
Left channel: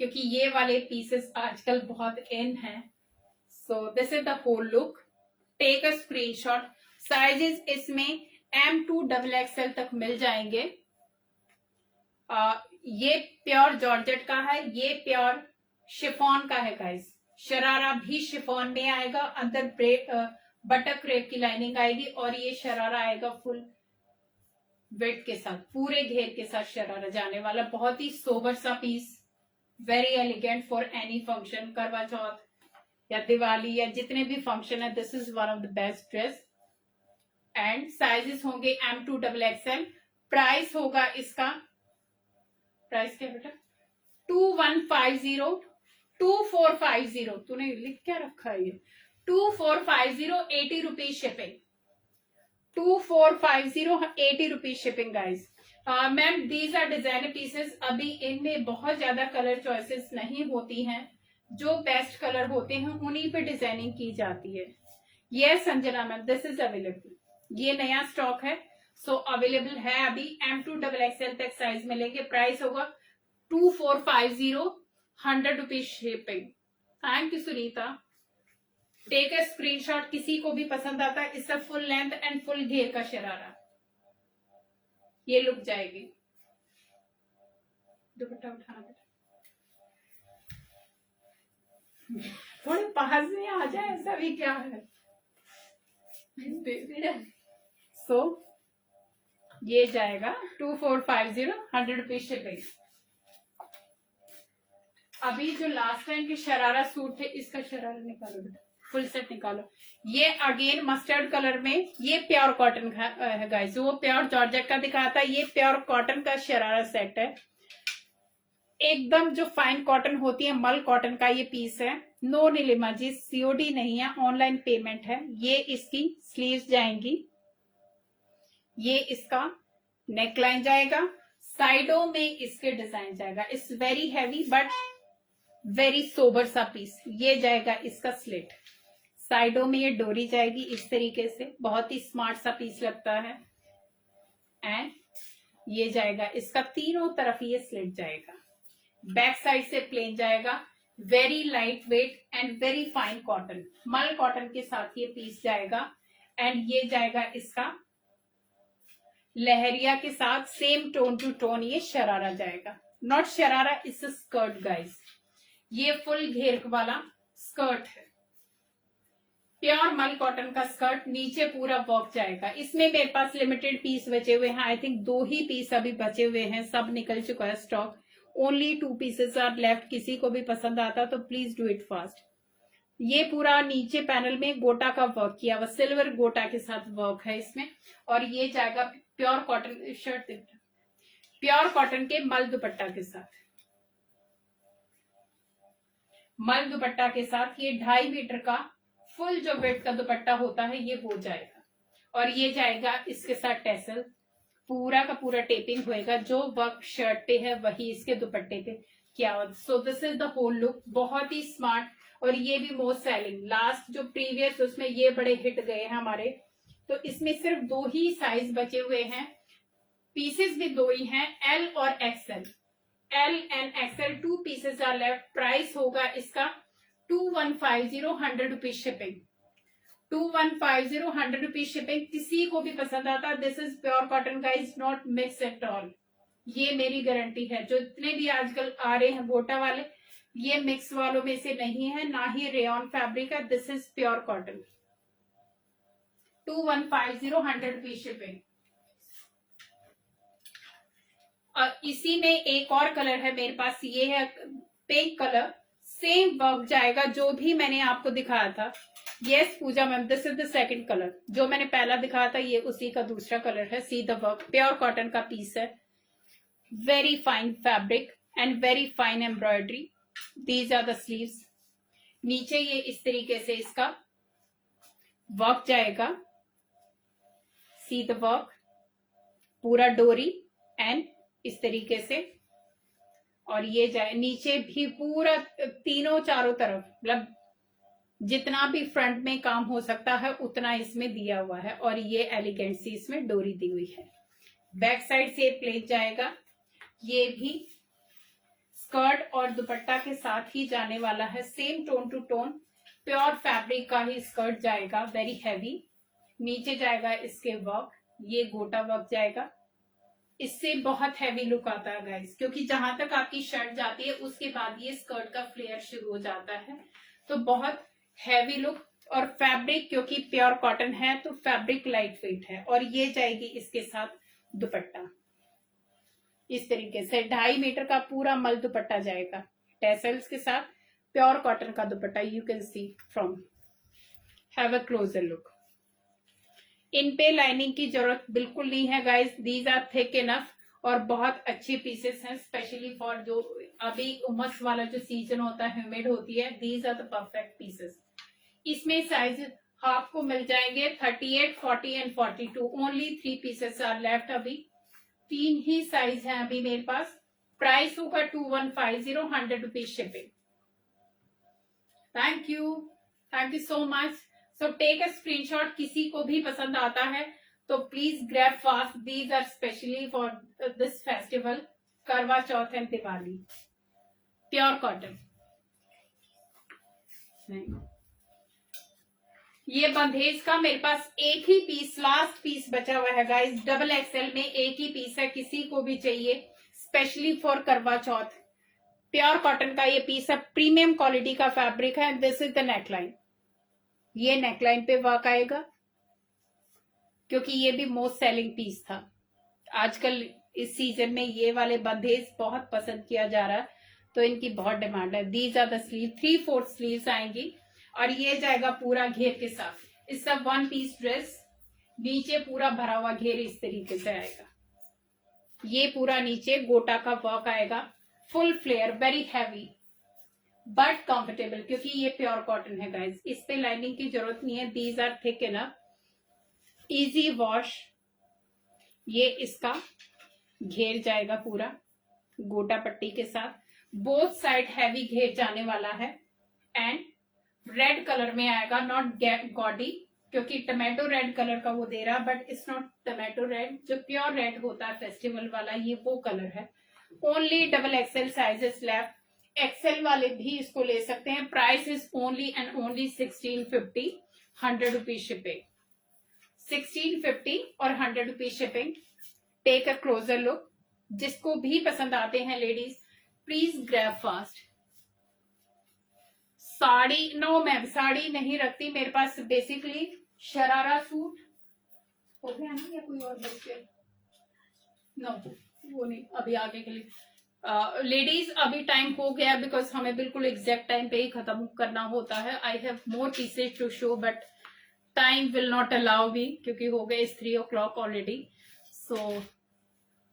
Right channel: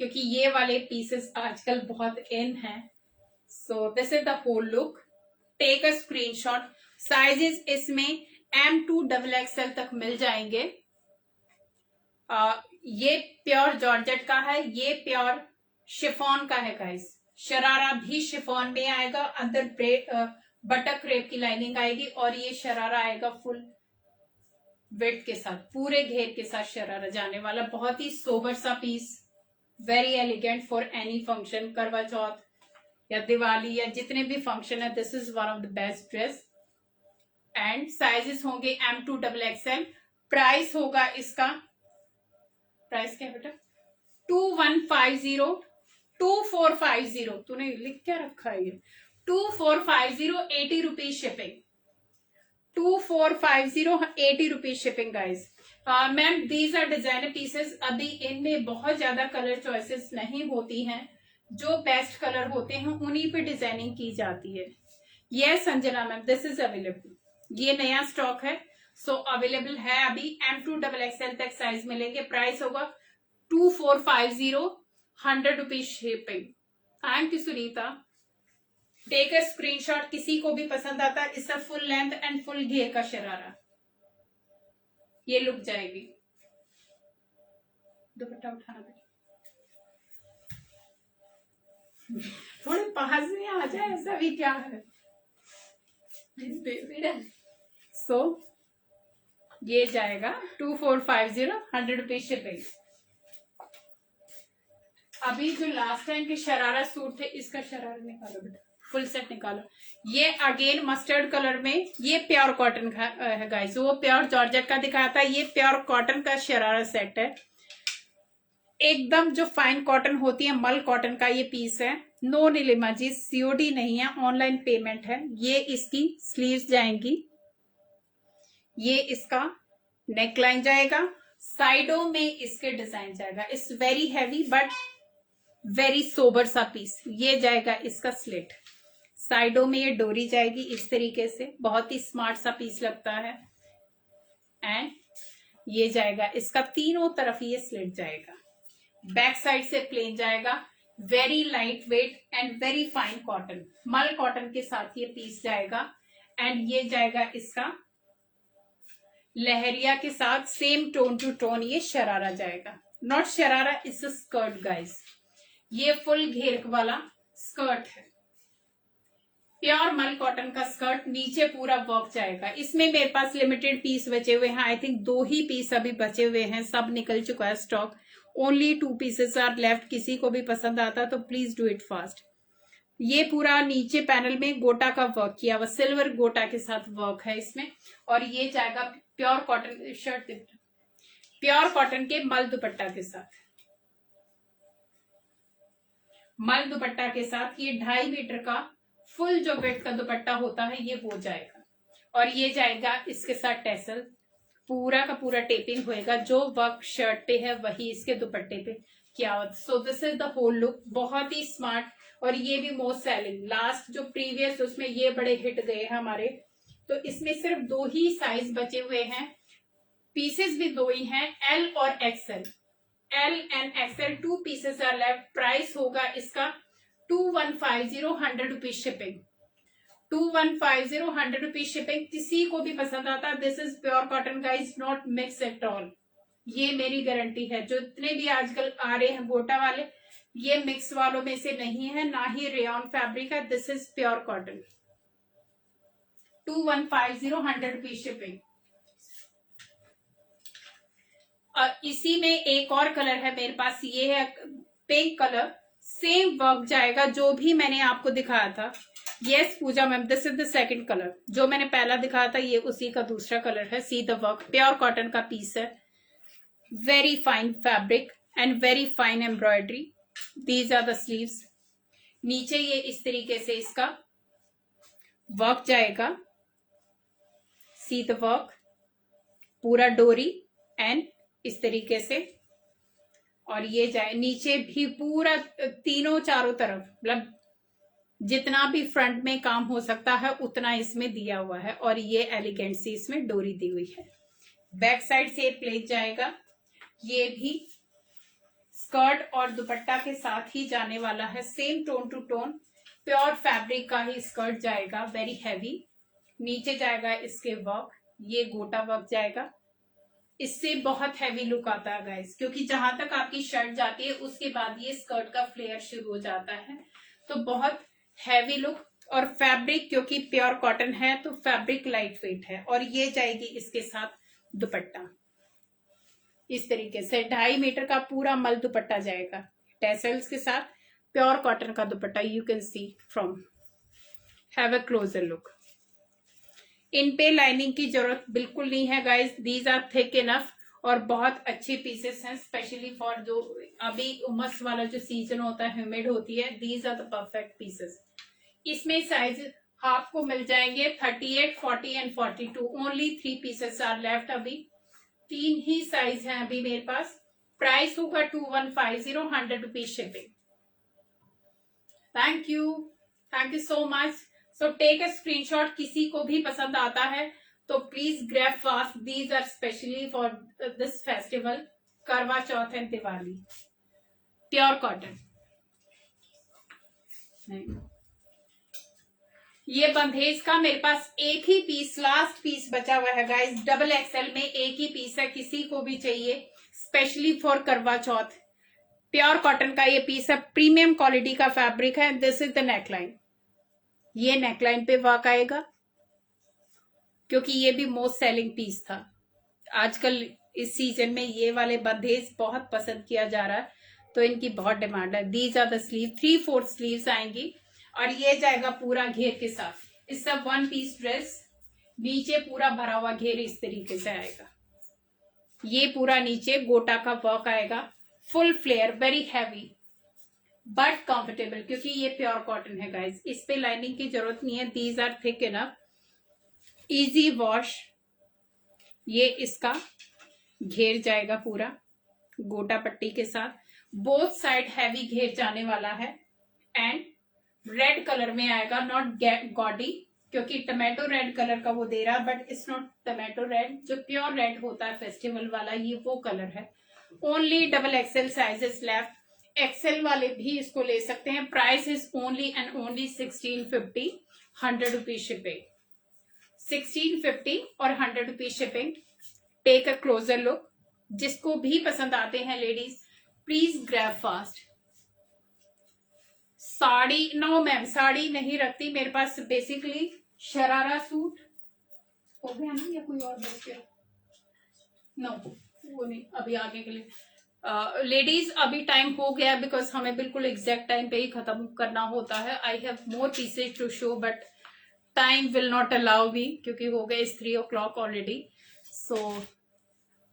क्योंकि ये वाले पीसेस आजकल बहुत इन हैं. So this is the whole look. Take a screenshot. Sizes इसमें M2XXL तक मिल जाएंगे. ये प्योर जॉर्जेट का है, ये प्योर शिफॉन का है गाइस. शरारा भी शिफॉन में आएगा. अंदर बटर क्रेप की लाइनिंग आएगी और ये शरारा आएगा फुल वेट के साथ, पूरे घेर के साथ शरारा जाने वाला. बहुत ही सोबर सा piece. Very elegant for any function, Karva Chauth या दिवाली या जितने भी फंक्शन है. This is one of the best dress. And sizes होंगे M2XXL. प्राइस होगा इसका, प्राइस क्या है बेटा, 2150, 2450, तूने लिख क्या रखा है ये, 2450, 80 rupees shipping, 2450, 80 rupees shipping guys. Ma'am these are designer pieces, अभी इनमें बहुत ज्यादा कलर चॉइसेस नहीं होती हैं, जो बेस्ट कलर होते हैं उन्हीं पे डिजाइनिंग की जाती है। Yes Sanjana ma'am, this is available, ये नया स्टॉक है, सो अवेलेबल है अभी, M2XXL तक साइज मिलेंगे। प्राइस होगा 2450, 100 rupees shipping. Thank you Sunita, take a screenshot, किसी को भी पसंद आता है। इसका फुल लेंथ एंड फुल घेर का शरारा, ये लुक जाएगी। दुपट्टा उठाना बेटा, थोड़े पास में आ जाए, ऐसा भी क्या है। सो ये जाएगा 2450, 100 रुपीज शिपिंग। अभी जो लास्ट टाइम के शरारा सूट थे, इसका शरारा निकालो बेटा, फुल सेट निकालो। ये अगेन मस्टर्ड कलर में, ये प्योर कॉटन का है गाइस, वो प्योर जॉर्जेट का दिखाया था, ये प्योर कॉटन का शरारा सेट है, एकदम जो फाइन कॉटन होती है, मल कॉटन का ये पीस है। नो नीलिमा जी, सीओडी नहीं है, ऑनलाइन पेमेंट है। ये इसकी स्लीव्स जाएंगी, ये इसका नेकलाइन जाएगा, साइडों में इसके डिजाइन जाएगा। It's very heavy but very sober सा पीस। ये जाएगा इसका स्लिट, साइडों में ये डोरी जाएगी इस तरीके से, बहुत ही स्मार्ट सा पीस लगता है। एंड ये जाएगा इसका, तीनों तरफ ये स्लिट जाएगा, बैक साइड से प्लेन जाएगा, very light weight and very fine cotton, मल कॉटन के साथ ये पीस जाएगा। एंड ये जाएगा इसका लहरिया के साथ, सेम टोन टू टोन ये शरारा जाएगा, not sharara, it's a skirt guys. ये फुल घेर वाला स्कर्ट है, प्योर मल कॉटन का स्कर्ट, नीचे पूरा वर्क जाएगा। इसमें मेरे पास लिमिटेड पीस बचे हुए हैं, आई थिंक 2 ही पीस अभी बचे हुए हैं, सब निकल चुका है stock, only 2 pieces are left. किसी को भी पसंद आता तो प्लीज डू इट फास्ट। ये पूरा नीचे पैनल में गोटा का वर्क किया हुआ, सिल्वर गोटा के साथ वर्क है इसमें। और ये जाएगा pure cotton shirt, pure cotton के मल दुपट्टा के साथ, मल दुपट्टा के साथ। ये 2.5 मीटर का फुल जो वेट का दुपट्टा होता है ये वो जाएगा। और ये जाएगा इसके साथ टेसल, पूरा का पूरा टेपिंग होएगा, जो वर्क शर्ट पे है वही इसके दुपट्टे पे किया हुआ। So this is the whole look, बहुत ही स्मार्ट। और ये भी मोस्ट सेलिंग, लास्ट जो प्रीवियस उसमें ये बड़े हिट गए हैं हमारे, तो इसमें सिर्फ 2 ही साइज बचे हुए हैं, पीसेस भी 2 ही हैं, एल और XL, L and XL 2 pieces are left. Price होगा इसका 2150, 100 रुपीज शिपिंग, 2150, 100 रुपीज शिपिंग। किसी को भी पसंद आता, this is pure cotton guys, not mix at all, ये मेरी गारंटी है। जो इतने भी आजकल आ रहे हैं गोटा वाले, ये मिक्स वालों में से नहीं है, ना ही रेयन फैब्रिक है, this is pure cotton. 2150, 100 rupees shipping. इसी में एक और कलर है मेरे पास, ये है पिंक कलर, सेम वर्क जाएगा जो भी मैंने आपको दिखाया था। Yes Puja ma'am, this is the second colour, जो मैंने पहला दिखाया था ये उसी का दूसरा कलर है। See the work, pure cotton का पीस है, very fine fabric and very fine embroidery. These are the sleeves, नीचे ये इस तरीके से इसका वर्क जाएगा, सी द वर्क, पूरा डोरी एंड इस तरीके से। और ये जाए नीचे भी पूरा, तीनों चारों तरफ, मतलब जितना भी फ्रंट में काम हो सकता है उतना इसमें दिया हुआ है। और ये एलिगेंट सी इसमें डोरी दी हुई है। बैक साइड से प्लेट जाएगा, ये भी स्कर्ट और दुपट्टा के साथ ही जाने वाला है, same tone to tone, pure fabric का ही स्कर्ट जाएगा, वेरी हैवी। नीचे जाएगा इसके वर्क, ये गोटा वर्क जाएगा, इससे बहुत हैवी लुक आता है गाइस, क्योंकि जहां तक आपकी शर्ट जाती है उसके बाद ये स्कर्ट का फ्लेयर शुरू हो जाता है, तो बहुत हैवी लुक। और फैब्रिक क्योंकि प्योर कॉटन है तो फैब्रिक लाइट वेट है। और ये जाएगी इसके साथ दुपट्टा, इस तरीके से 2.5 मीटर का पूरा मल दुपट्टा जाएगा, टेसल्स के साथ, प्योर कॉटन का dupatta. You can see from, have a closer look. इन पे लाइनिंग की जरूरत बिल्कुल नहीं है guys, these are thick enough और बहुत अच्छे पीसेस हैं, स्पेशली फॉर जो अभी उमस वाला जो सीजन होता है, ह्यूमिड होती है, these are the perfect pieces. इसमें साइज आपको मिल जाएंगे 38, 40 and 42। Only 3 pieces are left. अभी 3 ही साइज हैं अभी मेरे पास। प्राइस होगा 2150, 100 rupees shipping. Thank you so much. So take a screenshot, किसी को भी पसंद आता है तो please grab fast, these are specially for this festival, Karva Chauth and Diwali. Pure cotton. ये बंधेज का मेरे पास एक ही पीस, लास्ट पीस बचा हुआ है गाइस, डबल एक्सएल में एक ही पीस है, किसी को भी चाहिए स्पेशली फॉर करवा चौथ। प्योर कॉटन का ये पीस है, प्रीमियम क्वालिटी का फैब्रिक है। दिस इज द नेकलाइन, ये नेकलाइन पे वर्क आएगा क्योंकि ये भी मोस्ट सेलिंग पीस था। आजकल इस सीजन में ये वाले बंधेज बहुत पसंद किया जा रहा है, तो इनकी बहुत डिमांड है। These are the sleeve, 3/4 sleeves आएंगी और ये जाएगा पूरा घेर के साथ। इस सब 1 पीस ड्रेस, नीचे पूरा भरा हुआ घेर इस तरीके से आएगा। ये पूरा नीचे गोटा का वर्क आएगा, full flare, very heavy but comfortable, क्योंकि ये प्योर कॉटन है गाइस, इस पे लाइनिंग की जरूरत नहीं है। These are thick enough, easy wash. ये इसका घेर जाएगा पूरा गोटा पट्टी के साथ, बोथ साइड हैवी घेर जाने वाला है एंड रेड कलर में आएगा, नॉट गॉडी, क्योंकि टमाटो रेड कलर का वो दे रहा है, but it's not tomato red. जो प्योर रेड होता है फेस्टिवल वाला, ये वो कलर है। Only double XL sizes left, XL वाले भी इसको ले सकते हैं। Price is only and only 1650, 100 rupees shipping. 1650 और 100 rupees shipping. Take a closer look, जिसको भी पसंद आते हैं ladies please grab fast. Sari no ma'am, sari नहीं रखती मेरे पास, बेसिकली शरारा सूट हो गया ना, या कोई और बच गया? नो वो नहीं, अभी आगे के लिए लेडीज अभी टाइम हो गया, बिकॉज हमें बिल्कुल एग्जैक्ट टाइम पे ही खत्म करना होता है। I have more pieces to show but time will not allow me, क्योंकि हो गए 3 o'clock ऑलरेडी। सो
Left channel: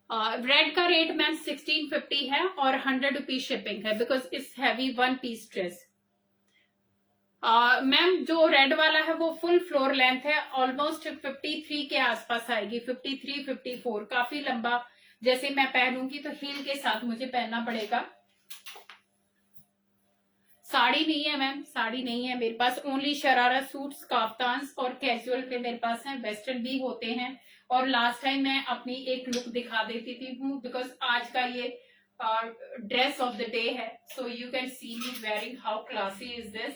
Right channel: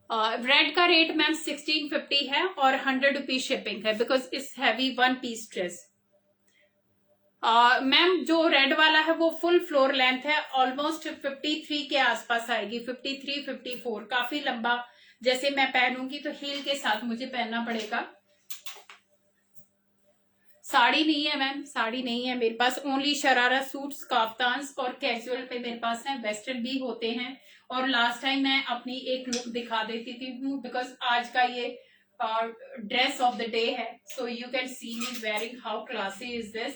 रेड का रेट मैम 1650 है और 100 रुपीज शिपिंग है, because it's heavy 1 piece dress. Ma'am जो रेड वाला है वो फुल फ्लोर लेंथ है, ऑलमोस्ट 53 के आसपास आएगी, 53, 54, काफी लंबा। जैसे मैं पहनूंगी तो हील के साथ मुझे पहनना पड़ेगा। साड़ी नहीं है मैम, साड़ी नहीं है मेरे पास, ओनली शरारा सूट्स, काफ्तान्स और कैजुअल पे मेरे पास है, वेस्टर्न भी होते हैं। और लास्ट टाइम मैं अपनी एक लुक दिखा देती थी हूँ, बिकॉज आज का ये ड्रेस ऑफ द डे है, so you can see me wearing how classy is this.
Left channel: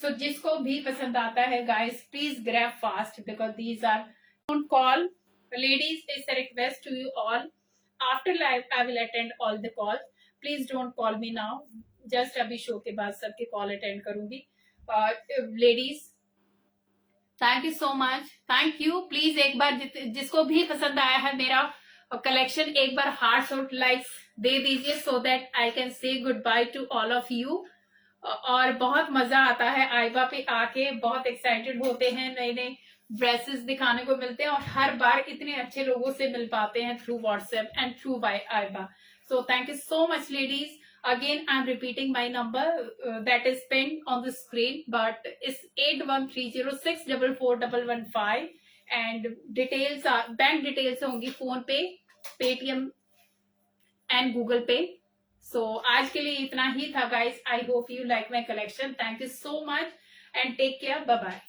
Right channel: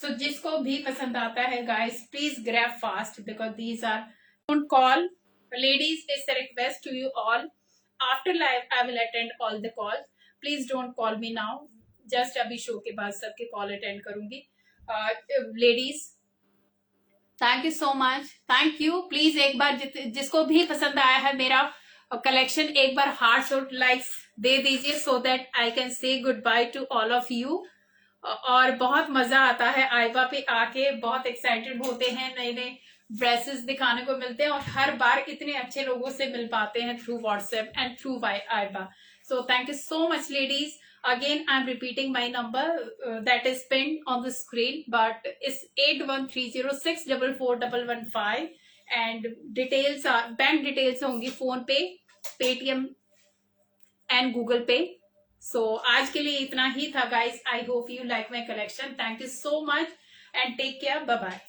So जिसको भी पसंद आता है guys please grab fast, because these are don't call ladies, it's a request to you all. After live I will attend all the calls, please don't call me now, just अभी show के बाद सबके call attend करूंगी। Ladies thank you so much, thank you. Please एक बार जिसको भी पसंद आया है मेरा कलेक्शन, एक बार हार्ट्स और लाइक्स दे दीजिए, सो that I can say good by two all of you. और बहुत मजा आता है आइबा पे आके, बहुत एक्साइटेड होते हैं, नए नए ड्रेसेस दिखाने को मिलते हैं और हर बार इतने अच्छे लोगों से मिल पाते हैं थ्रू व्हाट्सएप एंड थ्रू आइबा। So thank you so much ladies. Again I'm repeating my number that is pinned on the screen, but it's 8130644115 and details are bank details होंगी PhonePe, Paytm and Google Pay. सो आज के लिए इतना ही था guys. I hope you like my collection. Thank you so much and take care, bye bye.